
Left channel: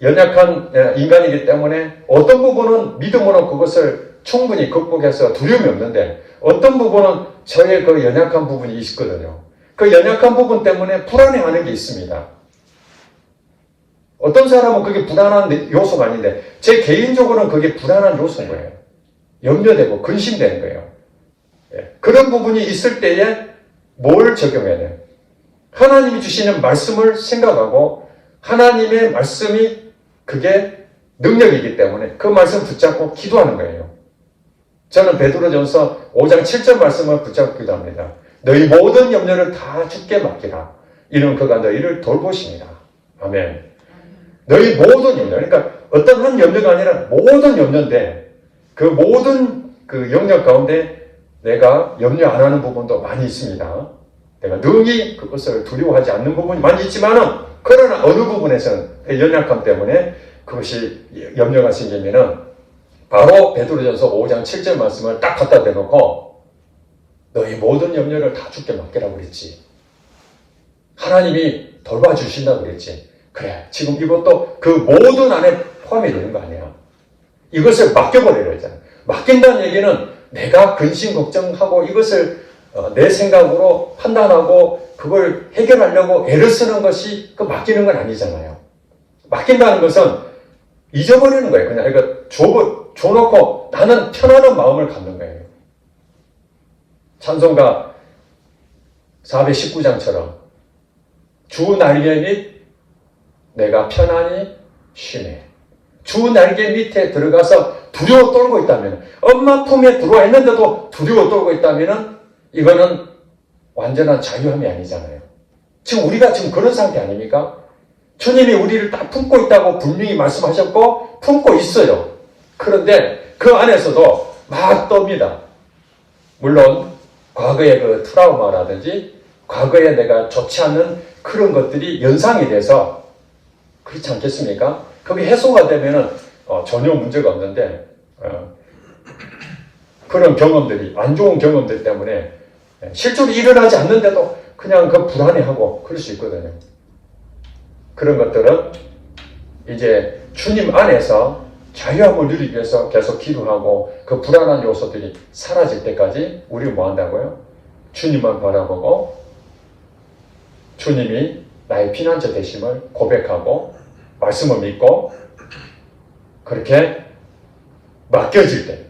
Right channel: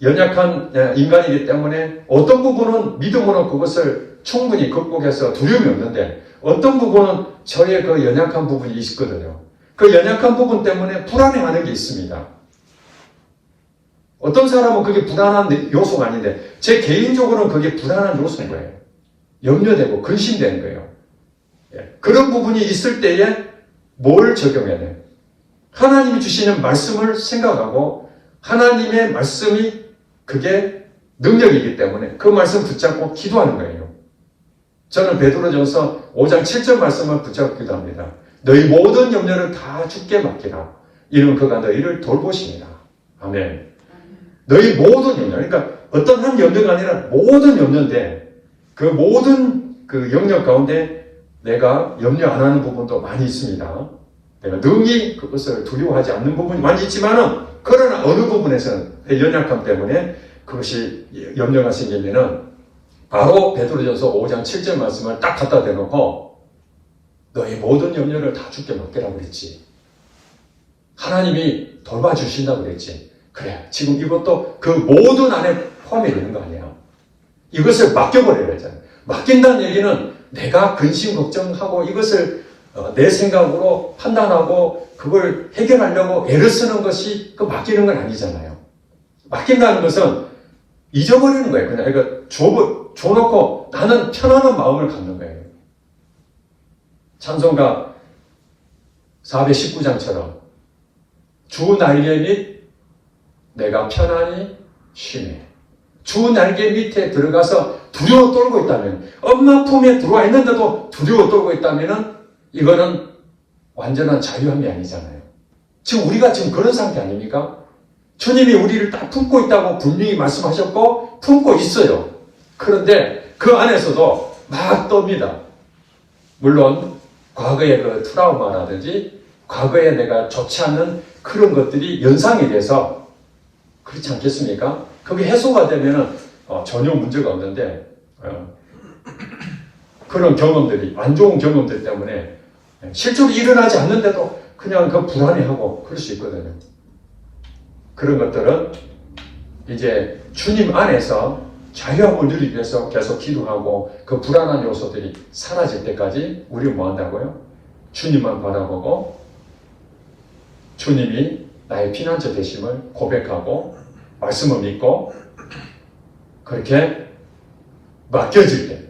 연약한 인간이기 때문에 어떤 부분은 믿음으로 그것을 충분히 극복해서 두려움이 없는데 어떤 부분은 저의 그 연약한 부분이 있거든요. 그 연약한 부분 때문에 불안해하는 게 있습니다. 어떤 사람은 그게 불안한 요소가 아닌데 제 개인적으로는 그게 불안한 요소인 거예요. 염려되고 근심되는 거예요. 그런 부분이 있을 때에 뭘 적용해야 돼요? 하나님이 주시는 말씀을 생각하고 하나님의 말씀이 그게 능력이기 때문에 그 말씀 붙잡고 기도하는 거예요. 저는 베드로전서 5장 7절 말씀을 붙잡기도 합니다. 너희 모든 염려를 다 주께 맡기라. 이는 그가 너희를 돌보십니다. 아멘. 너희 모든 염려, 그러니까 어떤 한 염려가 아니라 모든 염려인데 그 모든 그 영역 가운데 내가 염려 안 하는 부분도 많이 있습니다. 내가 능히 그것을 두려워하지 않는 부분이 많이 있지만은 그러나 어느 부분에서는 연약함 때문에 그것이 염려가 생기면은 바로 베드로전서 5장 7절 말씀을 딱 갖다 대놓고 너희 모든 염려를 다 주께 맡기라고 그랬지. 하나님이 돌봐주신다고 그랬지. 그래, 지금 이것도 그 모든 안에 포함이 되는 거 아니야. 이것을 맡겨버리라 했잖아요. 맡긴다는 얘기는 내가 근심 걱정하고 이것을 내 생각으로 판단하고 그걸 해결하려고 애를 쓰는 것이 그 맡기는 건 아니잖아요. 맡긴다는 것은 잊어버리는 거예요. 그냥 이거 줘놓고 나는 편안한 마음을 갖는 거예요. 찬송가 419장처럼 주 날개 밑 내가 편안히 쉬네. 주 날개 밑에 들어가서 두려워 떨고 있다면, 엄마 품에 들어와 있는데도 두려워 떨고 있다면 이거는 완전한 자유함이 아니잖아요. 지금 우리가 지금 그런 상태 아닙니까? 주님이 우리를 딱 품고 있다고 분명히 말씀하셨고 품고 있어요. 그런데 그 안에서도 막 떱니다. 물론 과거의 그 트라우마라든지 과거에 내가 좋지 않는 그런 것들이 연상이 돼서 그렇지 않겠습니까? 그게 해소가 되면은 전혀 문제가 없는데 그런 경험들이 안 좋은 경험들 때문에 실제로 일어나지 않는데도 그냥 그 불안해하고 그럴 수 있거든요. 그런 것들은 이제 주님 안에서 자유함을 누리기 위해서 계속 기도하고 그 불안한 요소들이 사라질 때까지 우리가 뭐 한다고요? 주님을 바라보고 주님이 나의 피난처 되심을 고백하고 말씀을 믿고 그렇게 맡겨질 때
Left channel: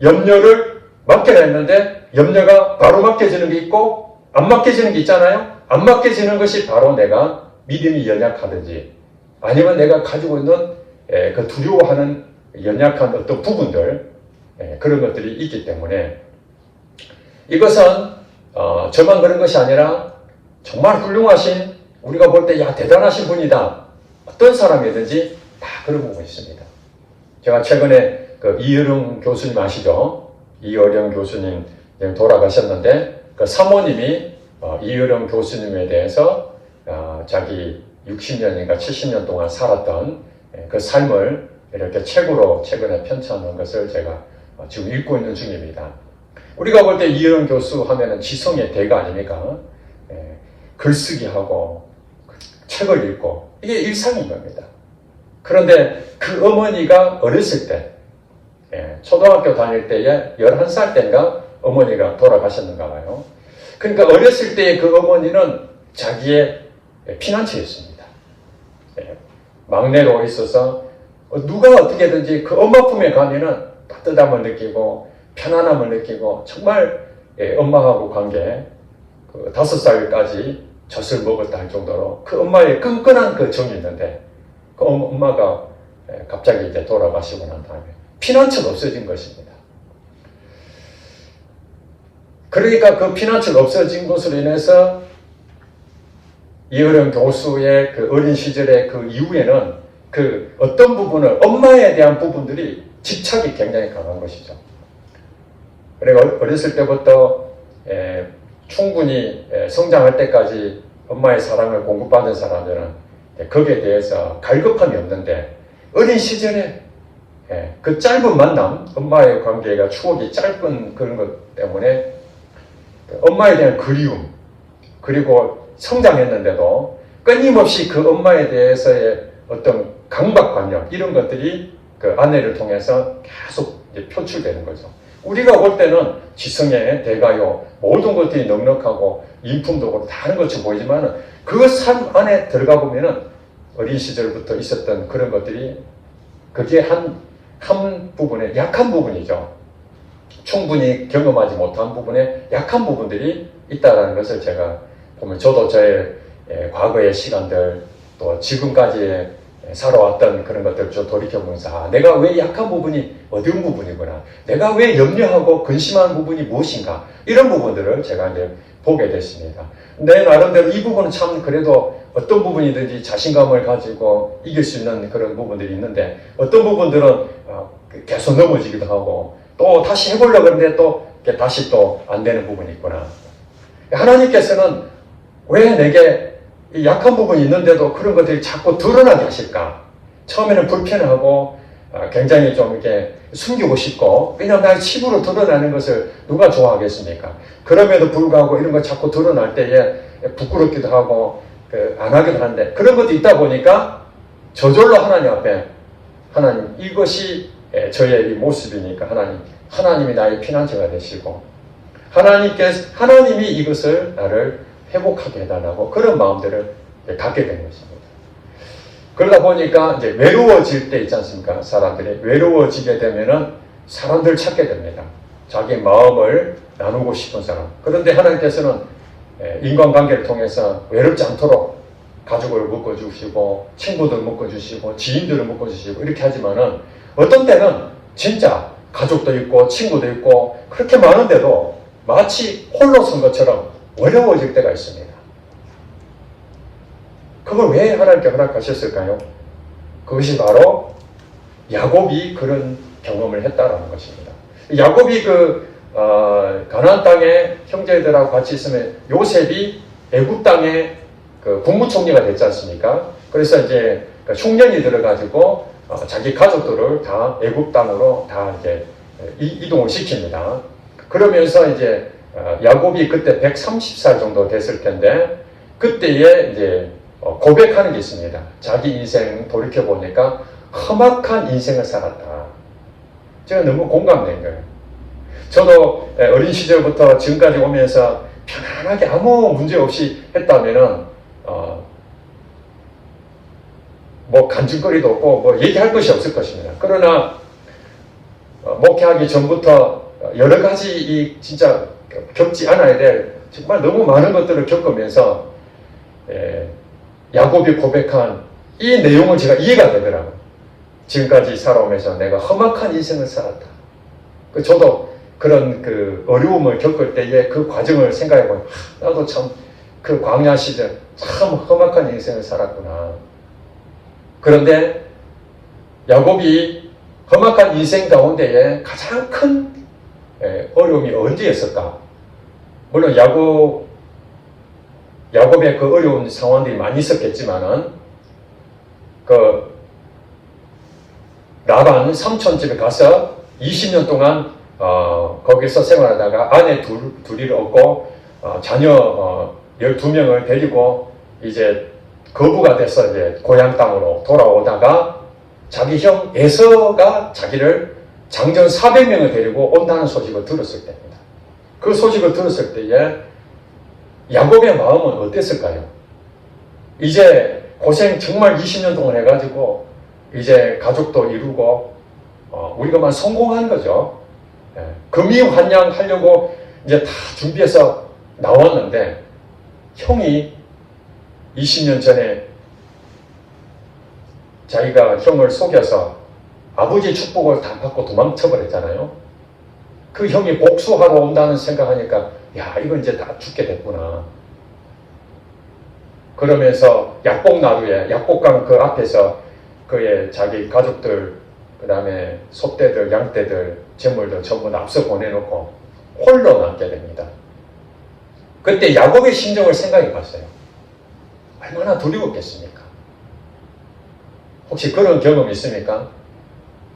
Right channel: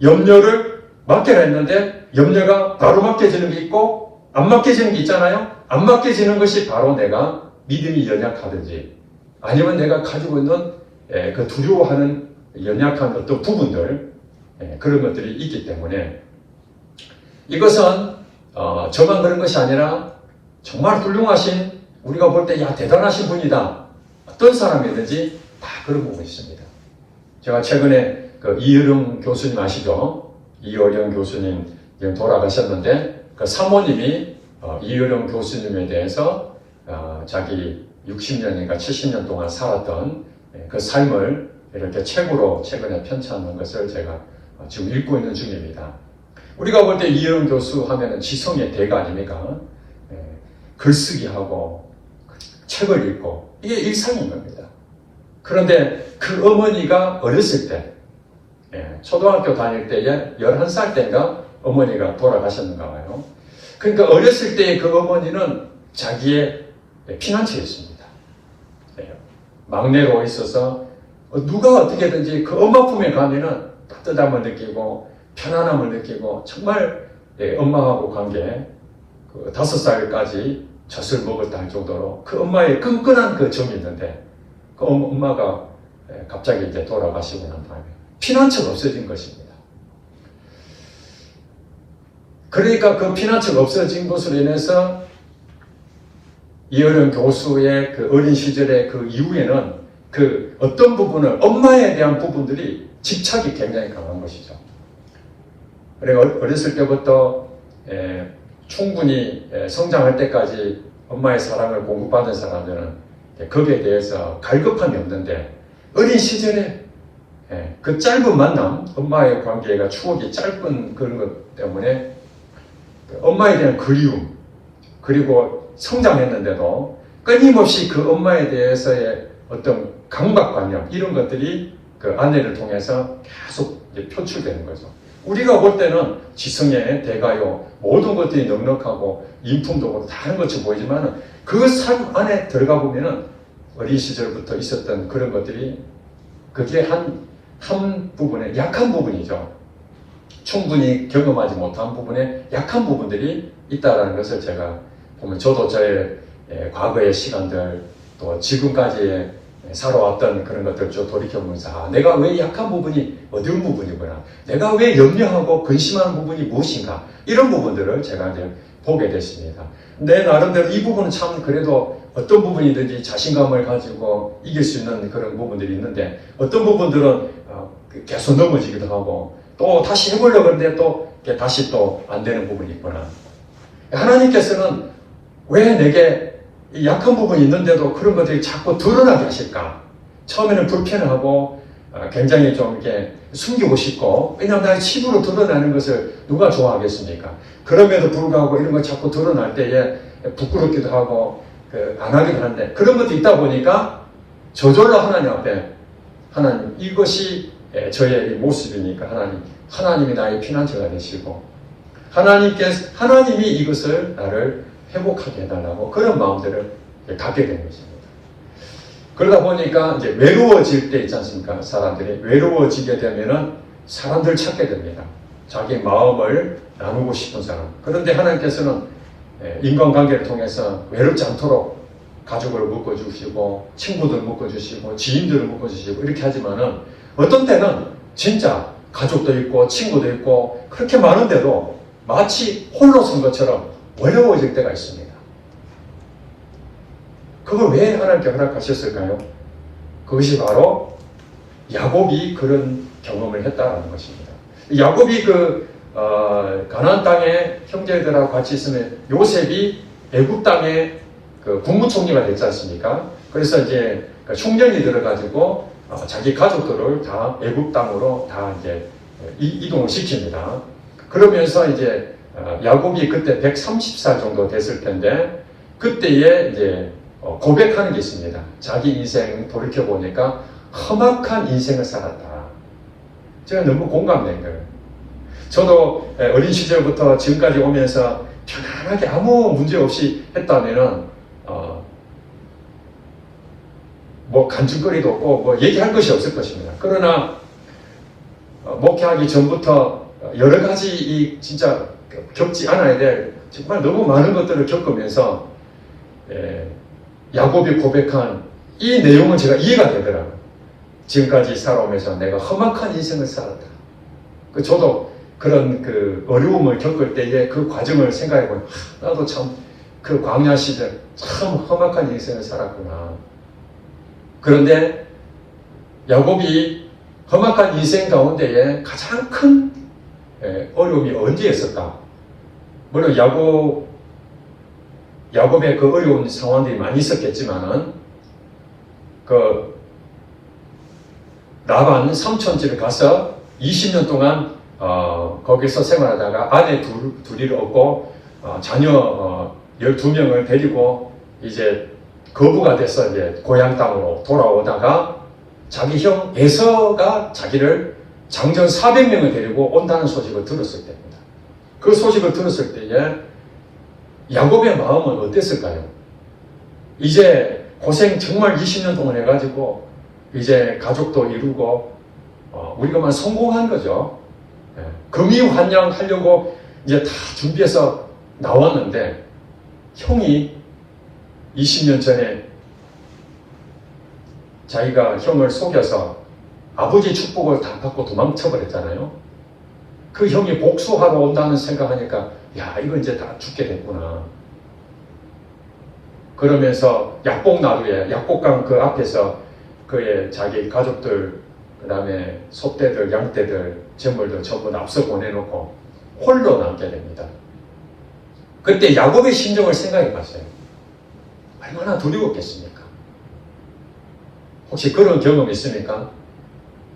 염려를 맡겨라 했는데 염려가 바로 맡겨지는 게 있고 안 맡겨지는 게 있잖아요. 안 맡겨지는 것이 바로 내가 믿음이 연약하든지 아니면 내가 가지고 있는 그 두려워하는 연약한 어떤 부분들 그런 것들이 있기 때문에 이것은 저만 그런 것이 아니라 정말 훌륭하신 우리가 볼 때 야 대단하신 분이다. 어떤 사람이든지 다 그런 부분이 있습니다. 제가 최근에 그 이어령 교수님 아시죠? 이어령 교수님 돌아가셨는데 그 사모님이 이어령 교수님에 대해서 자기 60년인가 70년 동안 살았던 그 삶을 이렇게 책으로 최근에 편찬한 것을 제가 지금 읽고 있는 중입니다. 우리가 볼 때 이어령 교수 하면은 지성의 대가 아닙니까? 글쓰기하고 책을 읽고 이게 일상인 겁니다. 그런데 그 어머니가 어렸을 때 초등학교 다닐 때에 11살 때인가 어머니가 돌아가셨는가 봐요. 그러니까 어렸을 때의 그 어머니는 자기의 피난처였습니다. 막내로 있어서 누가 어떻게든지 그 엄마 품에 가면은 따뜻함을 느끼고 편안함을 느끼고 정말 엄마하고 관계, 그 5살까지 젖을 먹었다 할 정도로 그 엄마의 끈끈한 그 정이 있는데, 그 엄마가 갑자기 이제 돌아가시고 난 다음에 피난처가 없어진 것입니다. 그러니까 그 피난처가 없어진 것으로 인해서 이어령 교수의 그 어린 시절의 그 이후에는 그 어떤 부분을, 엄마에 대한 부분들이 집착이 굉장히 강한 것이죠. 그리고 어렸을 때부터 충분히 성장할 때까지 엄마의 사랑을 공급받은 사람들은 거기에 대해서 갈급함이 없는데, 어린 시절에 그 짧은 만남, 엄마의 관계가 추억이 짧은 그런 것 때문에 엄마에 대한 그리움, 그리고 성장했는데도 끊임없이 그 엄마에 대해서의 어떤 강박관념, 이런 것들이 그 아내를 통해서 계속 표출되는 거죠. 우리가 볼 때는 지성의 대가요, 모든 것들이 넉넉하고 인품도 그렇고 다른 것처럼 보이지만 그 삶 안에 들어가 보면은 어린 시절부터 있었던 그런 것들이, 그게 한 부분의 약한 부분이죠. 충분히 경험하지 못한 부분에 약한 부분들이 있다는 것을 제가 보면, 저도 저의 과거의 시간들, 또 지금까지 살아왔던 그런 것들을 좀 돌이켜보면서, 내가 왜 약한 부분이 어려운 부분이구나, 내가 왜 염려하고 근심한 부분이 무엇인가, 이런 부분들을 제가 이제 보게 됐습니다. 내 나름대로 이 부분은 참 그래도 어떤 부분이든지 자신감을 가지고 이길 수 있는 그런 부분들이 있는데, 어떤 부분들은 계속 넘어지기도 하고 또 다시 해보려고 하는데 또 다시 또 안 되는 부분이 있구나. 하나님께서는 왜 내게 이 약한 부분이 있는데도 그런 것들이 자꾸 드러나게 하실까? 처음에는 불편하고 굉장히 좀 이렇게 숨기고 싶고, 왜냐하면 나 집으로 드러나는 것을 누가 좋아하겠습니까? 그럼에도 불구하고 이런 거 자꾸 드러날 때에 부끄럽기도 하고 안 하기도 하는데, 그런 것도 있다 보니까 저절로 하나님 앞에, 하나님 이것이 저의 모습이니까 하나님이 나의 피난처가 되시고, 하나님이 이것을 나를 회복하게 해달라고, 그런 마음들을 갖게 되는 것입니다. 그러다 보니까 이제 외로워질 때 있지 않습니까? 사람들이 외로워지게 되면은 사람들 찾게 됩니다. 자기 마음을 나누고 싶은 사람. 그런데 하나님께서는 인간관계를 통해서 외롭지 않도록 가족을 묶어주시고, 친구들 묶어주시고, 지인들을 묶어주시고, 이렇게 하지만은 어떤 때는 진짜 가족도 있고 친구도 있고 그렇게 많은데도 마치 홀로 선 것처럼 어려워질 때가 있습니다. 그걸 왜 하나님께 허락하셨을까요? 그것이 바로 야곱이 그런 경험을 했다는 것입니다. 야곱이 가나안 땅에 형제들하고 같이 있으면, 요셉이 애굽 땅에 그 국무총리가 됐지 않습니까? 그래서 이제 흉년이 들어가지고 자기 가족들을 다 애굽 땅으로 다 이제 이동을 시킵니다. 그러면서 이제 야곱이 그때 130살 정도 됐을 텐데, 그때에 이제 고백하는 게 있습니다. 자기 인생 돌이켜 보니까 험악한 인생을 살았다. 제가 너무 공감된 거예요. 저도 어린 시절부터 지금까지 오면서 편안하게 아무 문제 없이 했다면은 뭐 간증거리도 없고 뭐 얘기할 것이 없을 것입니다. 그러나 목회하기 전부터 여러 가지 진짜 겪지 않아야 될 정말 너무 많은 것들을 겪으면서 야곱이 고백한 이 내용은 제가 이해가 되더라고요. 지금까지 살아오면서 내가 험악한 인생을 살았다. 저도 그런 그 어려움을 겪을 때의 그 과정을 생각해보면, 나도 참 그 광야 시절 참 험악한 인생을 살았구나. 그런데 야곱이 험악한 인생 가운데에 가장 큰 어려움이 언제였을까? 물론 야곱의 그 어려운 상황들이 많이 있었겠지만은, 그 라반 삼촌집에 가서 20년 동안 거기서 생활하다가 아내 둘이를 얻고 자녀 12명을 데리고 이제 거부가 돼서 이제 고향 땅으로 돌아오다가 자기 형 에서가 자기를 장정 400명을 데리고 온다는 소식을 들었을 때입니다. 그 소식을 들었을 때에 야곱의 마음은 어땠을까요? 이제 고생 정말 20년 동안 해가지고 이제 가족도 이루고 우리가만 성공한 거죠. 금이환영하려고 이제 다 준비해서 나왔는데 형이 20년 전에 자기가 형을 속여서 아버지 축복을 다 받고 도망쳐버렸잖아요. 그 형이 복수하러 온다는 생각하니까 야, 이거 이제 다 죽게 됐구나. 그러면서 약복나루에 약복강 그 앞에서 그의 자기 가족들, 그 다음에 소떼들, 양떼들, 재물들 전부 다 앞서 보내놓고 홀로 남게 됩니다. 그때 야곱의 심정을 생각해 봤어요. 얼마나 두려웠겠습니까? 혹시 그런 경험 있습니까?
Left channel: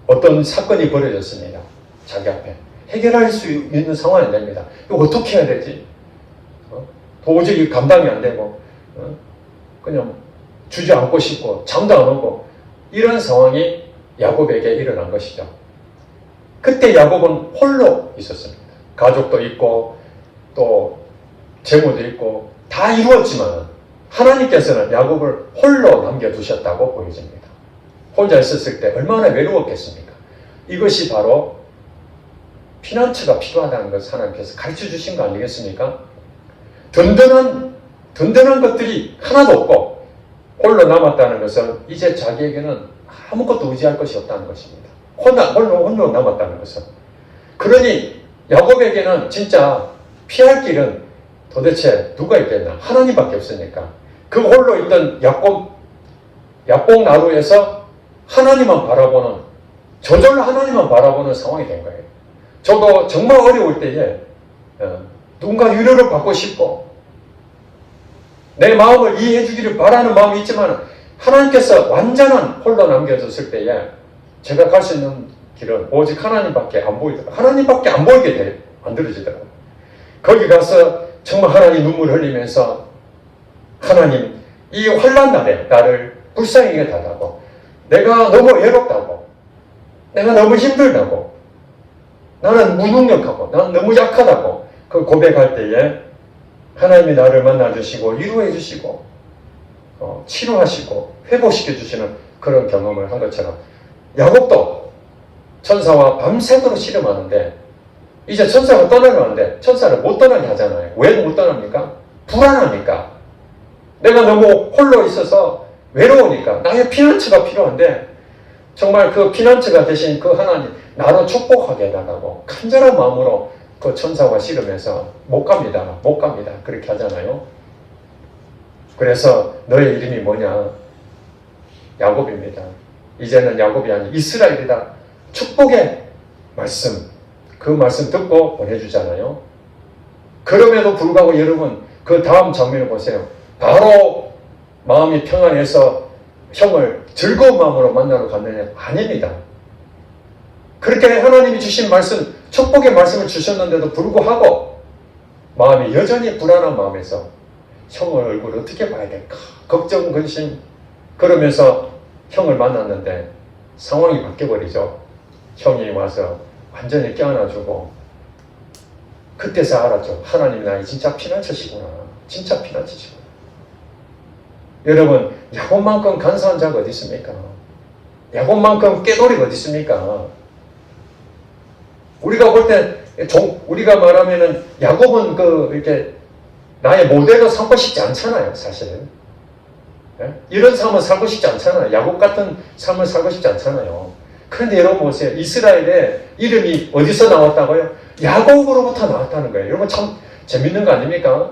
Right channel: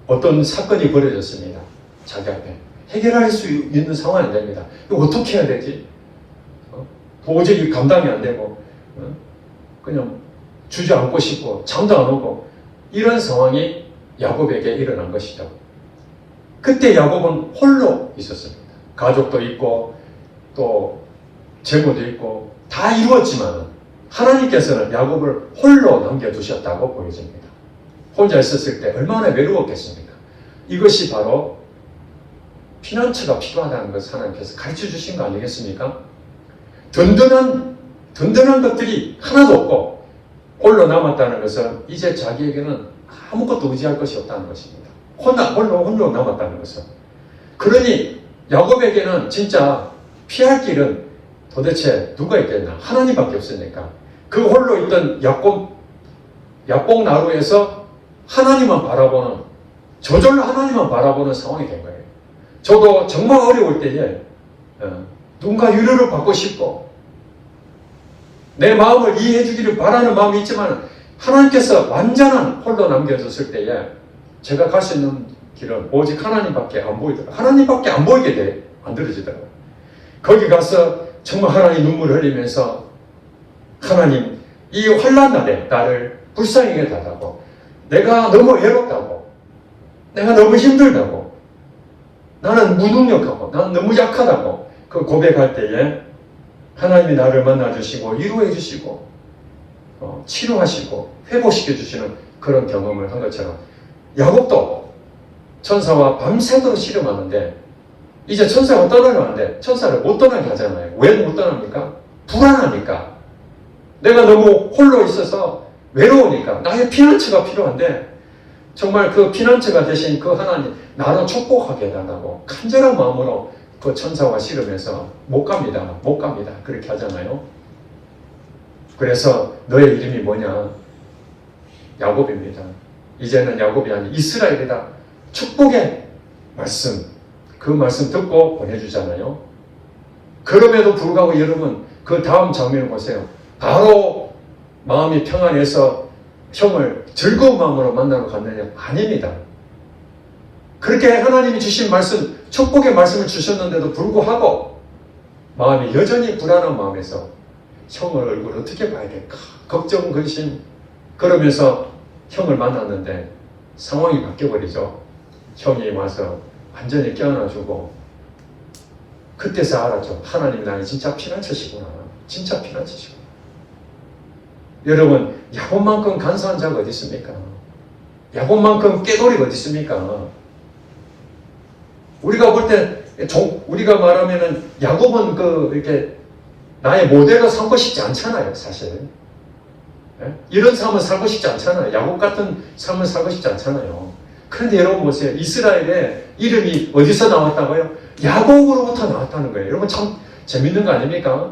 어떤 사건이 벌어졌습니다. 자기 앞에. 해결할 수 있는 상황이 안 됩니다. 이거 어떻게 해야 되지? 도저히 감당이 안 되고 그냥 주저앉고 싶고 잠도 안 오고 이런 상황이 야곱에게 일어난 것이죠. 그때 야곱은 홀로 있었습니다. 가족도 있고 또 재물도 있고 다 이루었지만 하나님께서는 야곱을 홀로 남겨두셨다고 보여집니다. 혼자 있었을 때 얼마나 외로웠겠습니까? 이것이 바로 피난처가 필요하다는 것을 하나님께서 가르쳐 주신 거 아니겠습니까? 든든한 것들이 하나도 없고 홀로 남았다는 것은 이제 자기에게는 아무것도 의지할 것이 없다는 것입니다. 홀로 남았다는 것은. 그러니 야곱에게는 진짜 피할 길은 도대체 누가 있겠나? 하나님밖에 없으니까. 그 홀로 있던 약복나루에서 하나님만 바라보는, 저절로 하나님만 바라보는 상황이 된 거예요. 저도 정말 어려울 때에 누군가 위로를 받고 싶고 내 마음을 이해해 주기를 바라는 마음이 있지만 하나님께서 완전한 홀로 남겨줬을 때에 제가 갈 수 있는 길은 오직 하나님밖에 안 보이더라고요. 하나님밖에 안 보이게 만들어지더라고요. 거기 가서 정말 하나님 눈물을 흘리면서 하나님 이 환난 날에 나를 불쌍히 여겨달라고, 내가 너무 외롭다고, 내가 너무 힘들다고, 나는 무능력하고 나는 너무 약하다고 그 고백할 때에 하나님이 나를 만나주시고 위로해 주시고 치료하시고 회복시켜 주시는 그런 경험을 한 것처럼 야곱도 천사와 밤새도록 씨름하는데 이제 천사가 떠나려는데 천사를 못 떠나게 하잖아요. 왜 못 떠납니까? 불안하니까. 내가 너무 홀로 있어서 외로우니까 나의 피난처가 필요한데 정말 그 피난처가 되신 그 하나님 나를 축복하게 해달라고 간절한 마음으로 그 천사와 씨름해서 못 갑니다 그렇게 하잖아요. 그래서 너의 이름이 뭐냐? 야곱입니다. 이제는 야곱이 아닌 이스라엘이다. 축복의 말씀, 그 말씀 듣고 보내주잖아요. 그럼에도 불구하고 여러분 그 다음 장면을 보세요. 바로 마음이 평안해서 형을 즐거운 마음으로 만나러 갔느냐? 아닙니다. 그렇게 하나님이 주신 말씀, 축복의 말씀을 주셨는데도 불구하고 마음이 여전히 불안한 마음에서 형을 얼굴 어떻게 봐야 될까? 걱정, 근심. 그러면서 형을 만났는데 상황이 바뀌어버리죠. 형이 와서 완전히 껴안아주고 그때서 알았죠. 하나님 나는 진짜 피난처시구나. 진짜 피난처시구나. 여러분, 야곱만큼 간사한 자가 어디 있습니까? 야곱만큼 깨돌이가 어디 있습니까? 우리가 볼 때, 우리가 말하면은 야곱은 이렇게 나의 모델로 삼고 싶지 않잖아요, 사실. 이런 삶을 살고 싶지 않잖아요. 야곱 같은 삶을 살고 싶지 않잖아요. 그런데 여러분 보세요. 이스라엘의 이름이 어디서 나왔다고요? 야곱으로부터 나왔다는 거예요. 여러분 참 재밌는 거 아닙니까?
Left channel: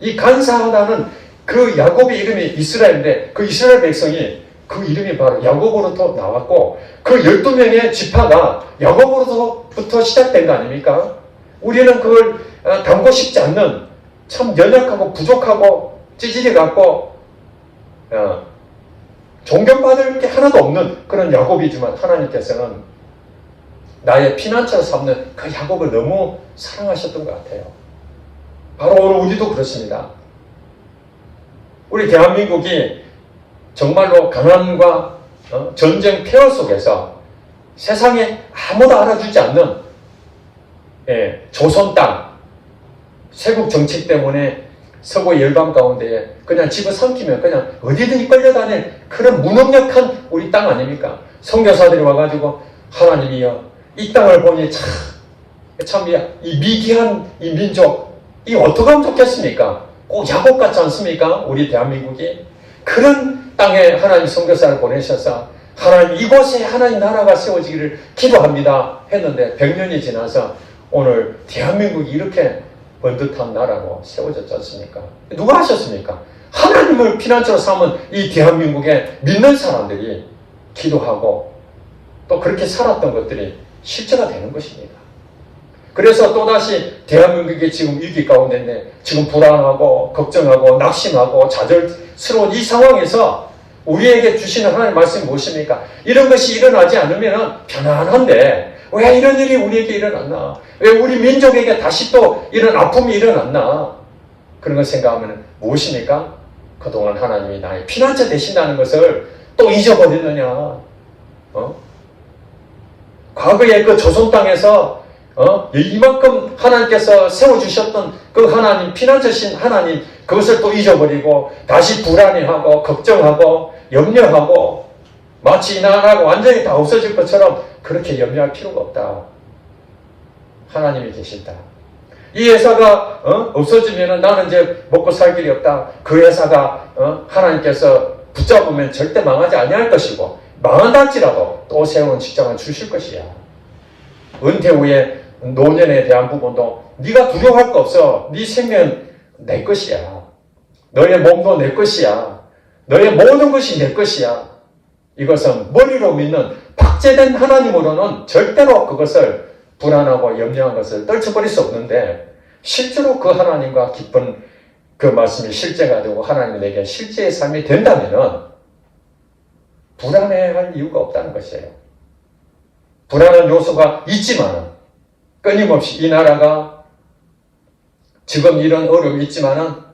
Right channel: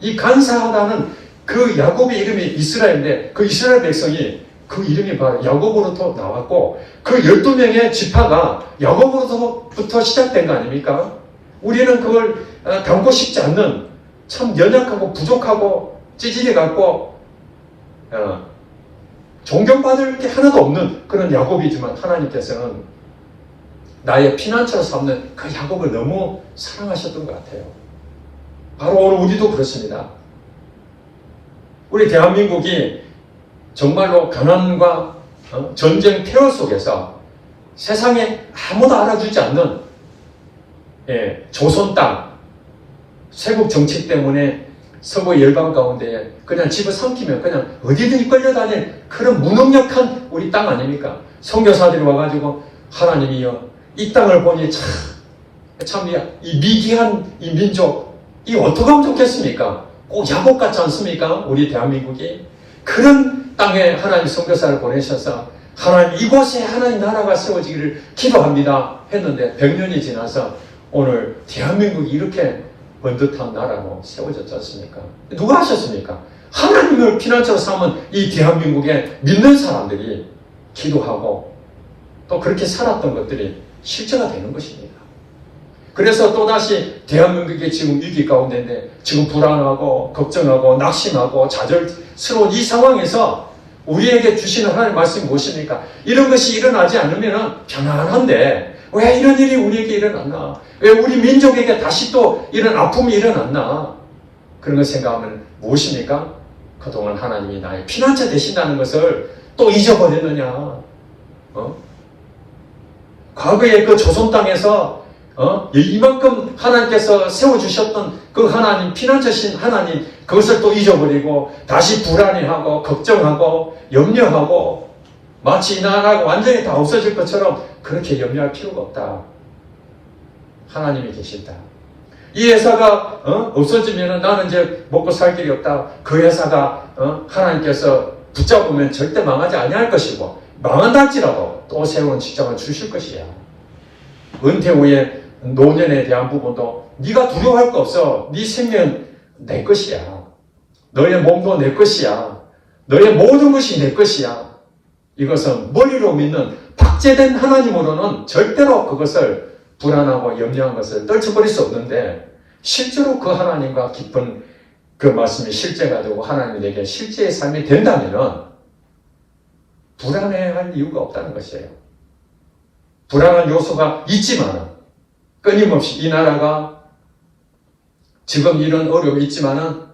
이 간사하다는 그 야곱의 이름이 이스라엘인데 그 이스라엘 백성이 그 이름이 바로 야곱으로부터 나왔고 그 12명의 지파가 야곱으로부터 시작된 거 아닙니까? 우리는 그걸 담고 싶지 않는 참 연약하고 부족하고 찌질이 같고 존경받을 게 하나도 없는 그런 야곱이지만 하나님께서는 나의 피난처로 삼는 그 야곱을 너무 사랑하셨던 것 같아요. 바로 오늘 우리도 그렇습니다. 우리 대한민국이 정말로 가난과 전쟁 폐허 속에서 세상에 아무도 알아주지 않는 조선 땅, 세국 정치 때문에 서구 열강 가운데 그냥 집을 삼키면 그냥 어디든지 끌려다니는 그런 무능력한 우리 땅 아닙니까? 선교사들이 와가지고 하나님이여 이 땅을 보니 참 참 이 미개한 이 민족, 이 어떻게 하면 좋겠습니까? 꼭 야곱 같지 않습니까? 우리 대한민국이 그런 땅에 하나님 선교사를 보내셔서 하나님 이곳에 하나님 나라가 세워지기를 기도합니다 했는데 100년이 지나서 오늘 대한민국이 이렇게 번듯한 나라로 세워졌지 않습니까? 누가 하셨습니까? 하나님을 피난처로 삼은 이 대한민국에 믿는 사람들이 기도하고 또 그렇게 살았던 것들이 실제가 되는 것입니다. 그래서 또다시 대한민국이 지금 위기 가운데인데 지금 불안하고 걱정하고 낙심하고 좌절스러운 이 상황에서 우리에게 주시는 하나님의 말씀이 무엇입니까? 이런 것이 일어나지 않으면 편안한데 왜 이런 일이 우리에게 일어났나? 왜 우리 민족에게 다시 또 이런 아픔이 일어났나? 그런 걸 생각하면 무엇입니까? 그동안 하나님이 나의 피난처 되신다는 것을 또 잊어버리느냐? 과거에 그 조선 땅에서 이만큼 하나님께서 세워주셨던 그 하나님, 피난처신 하나님, 그것을 또 잊어버리고 다시 불안해하고 걱정하고 염려하고 마치 이 나라가 완전히 다 없어질 것처럼 그렇게 염려할 필요가 없다. 하나님이 계신다. 이 회사가 없어지면 나는 이제 먹고 살 길이 없다. 그 회사가 하나님께서 붙잡으면 절대 망하지 아니할 것이고 망한다 할지라도 또 새로운 직장을 주실 것이야. 은퇴 후에 노년에 대한 부분도 네가 두려워할 거 없어. 네 생명 내 것이야. 너의 몸도 내 것이야. 너의 모든 것이 내 것이야. 이것은 머리로 믿는 박제된 하나님으로는 절대로 그것을 불안하고 염려한 것을 떨쳐버릴 수 없는데 실제로 그 하나님과 깊은 그 말씀이 실제가 되고 하나님이 내게 실제의 삶이 된다면 불안해할 이유가 없다는 것이에요. 불안한 요소가 있지만 끊임없이 이 나라가 지금 이런 어려움이 있지만은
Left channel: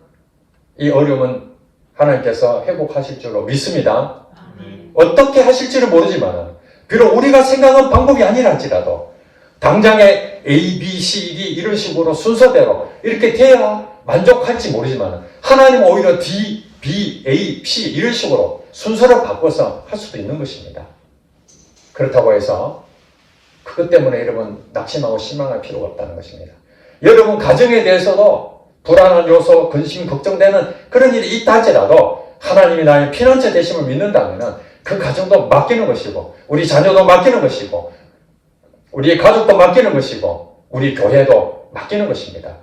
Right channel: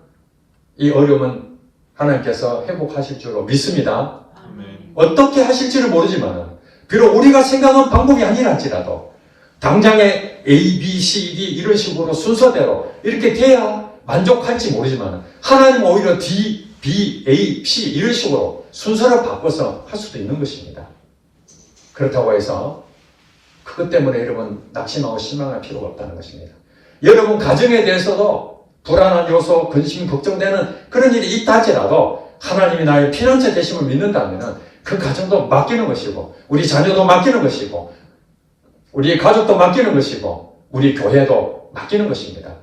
이 어려움은 하나님께서 회복하실 줄로 믿습니다. 어떻게 하실지는 모르지만 비록 우리가 생각한 방법이 아니랄지라도 당장에 A, B, C, D 이런 식으로 순서대로 이렇게 돼야 만족할지 모르지만 하나님은 오히려 D, B, A, C 이런 식으로 순서를 바꿔서 할 수도 있는 것입니다. 그렇다고 해서 그것 때문에 여러분 낙심하고 실망할 필요가 없다는 것입니다. 여러분 가정에 대해서도 불안한 요소, 근심, 걱정되는 그런 일이 있다 할지라도 하나님이 나의 피난처 되심을 믿는다면 그 가정도 맡기는 것이고 우리 자녀도 맡기는 것이고 우리의 가족도 맡기는 것이고 우리 교회도 맡기는 것입니다.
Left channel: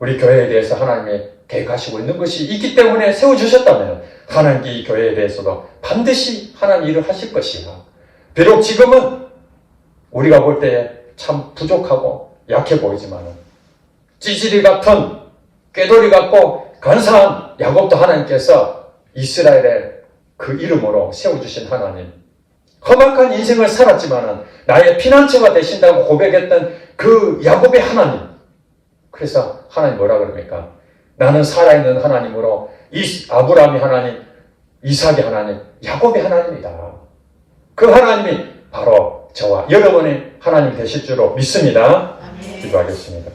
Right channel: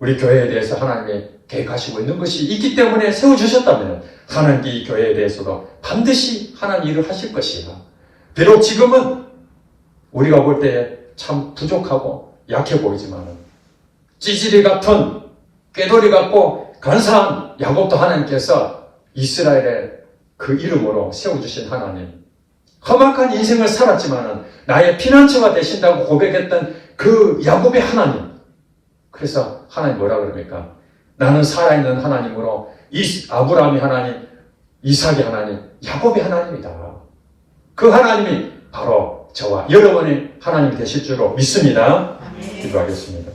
우리 교회에 대해서 하나님이 계획하시고 있는 것이 있기 때문에 세워주셨다면 하나님께 이 교회에 대해서도 반드시 하나님 일을 하실 것이고 비록 지금은 우리가 볼 때 참 부족하고 약해 보이지만 찌질이 같은 꾀돌이 같고 간사한 야곱도 하나님께서 이스라엘의 그 이름으로 세워주신 하나님 험악한 인생을 살았지만 나의 피난처가 되신다고 고백했던 그 야곱의 하나님 그래서 하나님 뭐라 그럽니까? 나는 살아있는 하나님으로 아브라함이 하나님, 이삭의 하나님, 야곱의 하나님이다. 그 하나님이 바로 저와 여러분의 하나님 되실 줄로 믿습니다. 기도하겠습니다.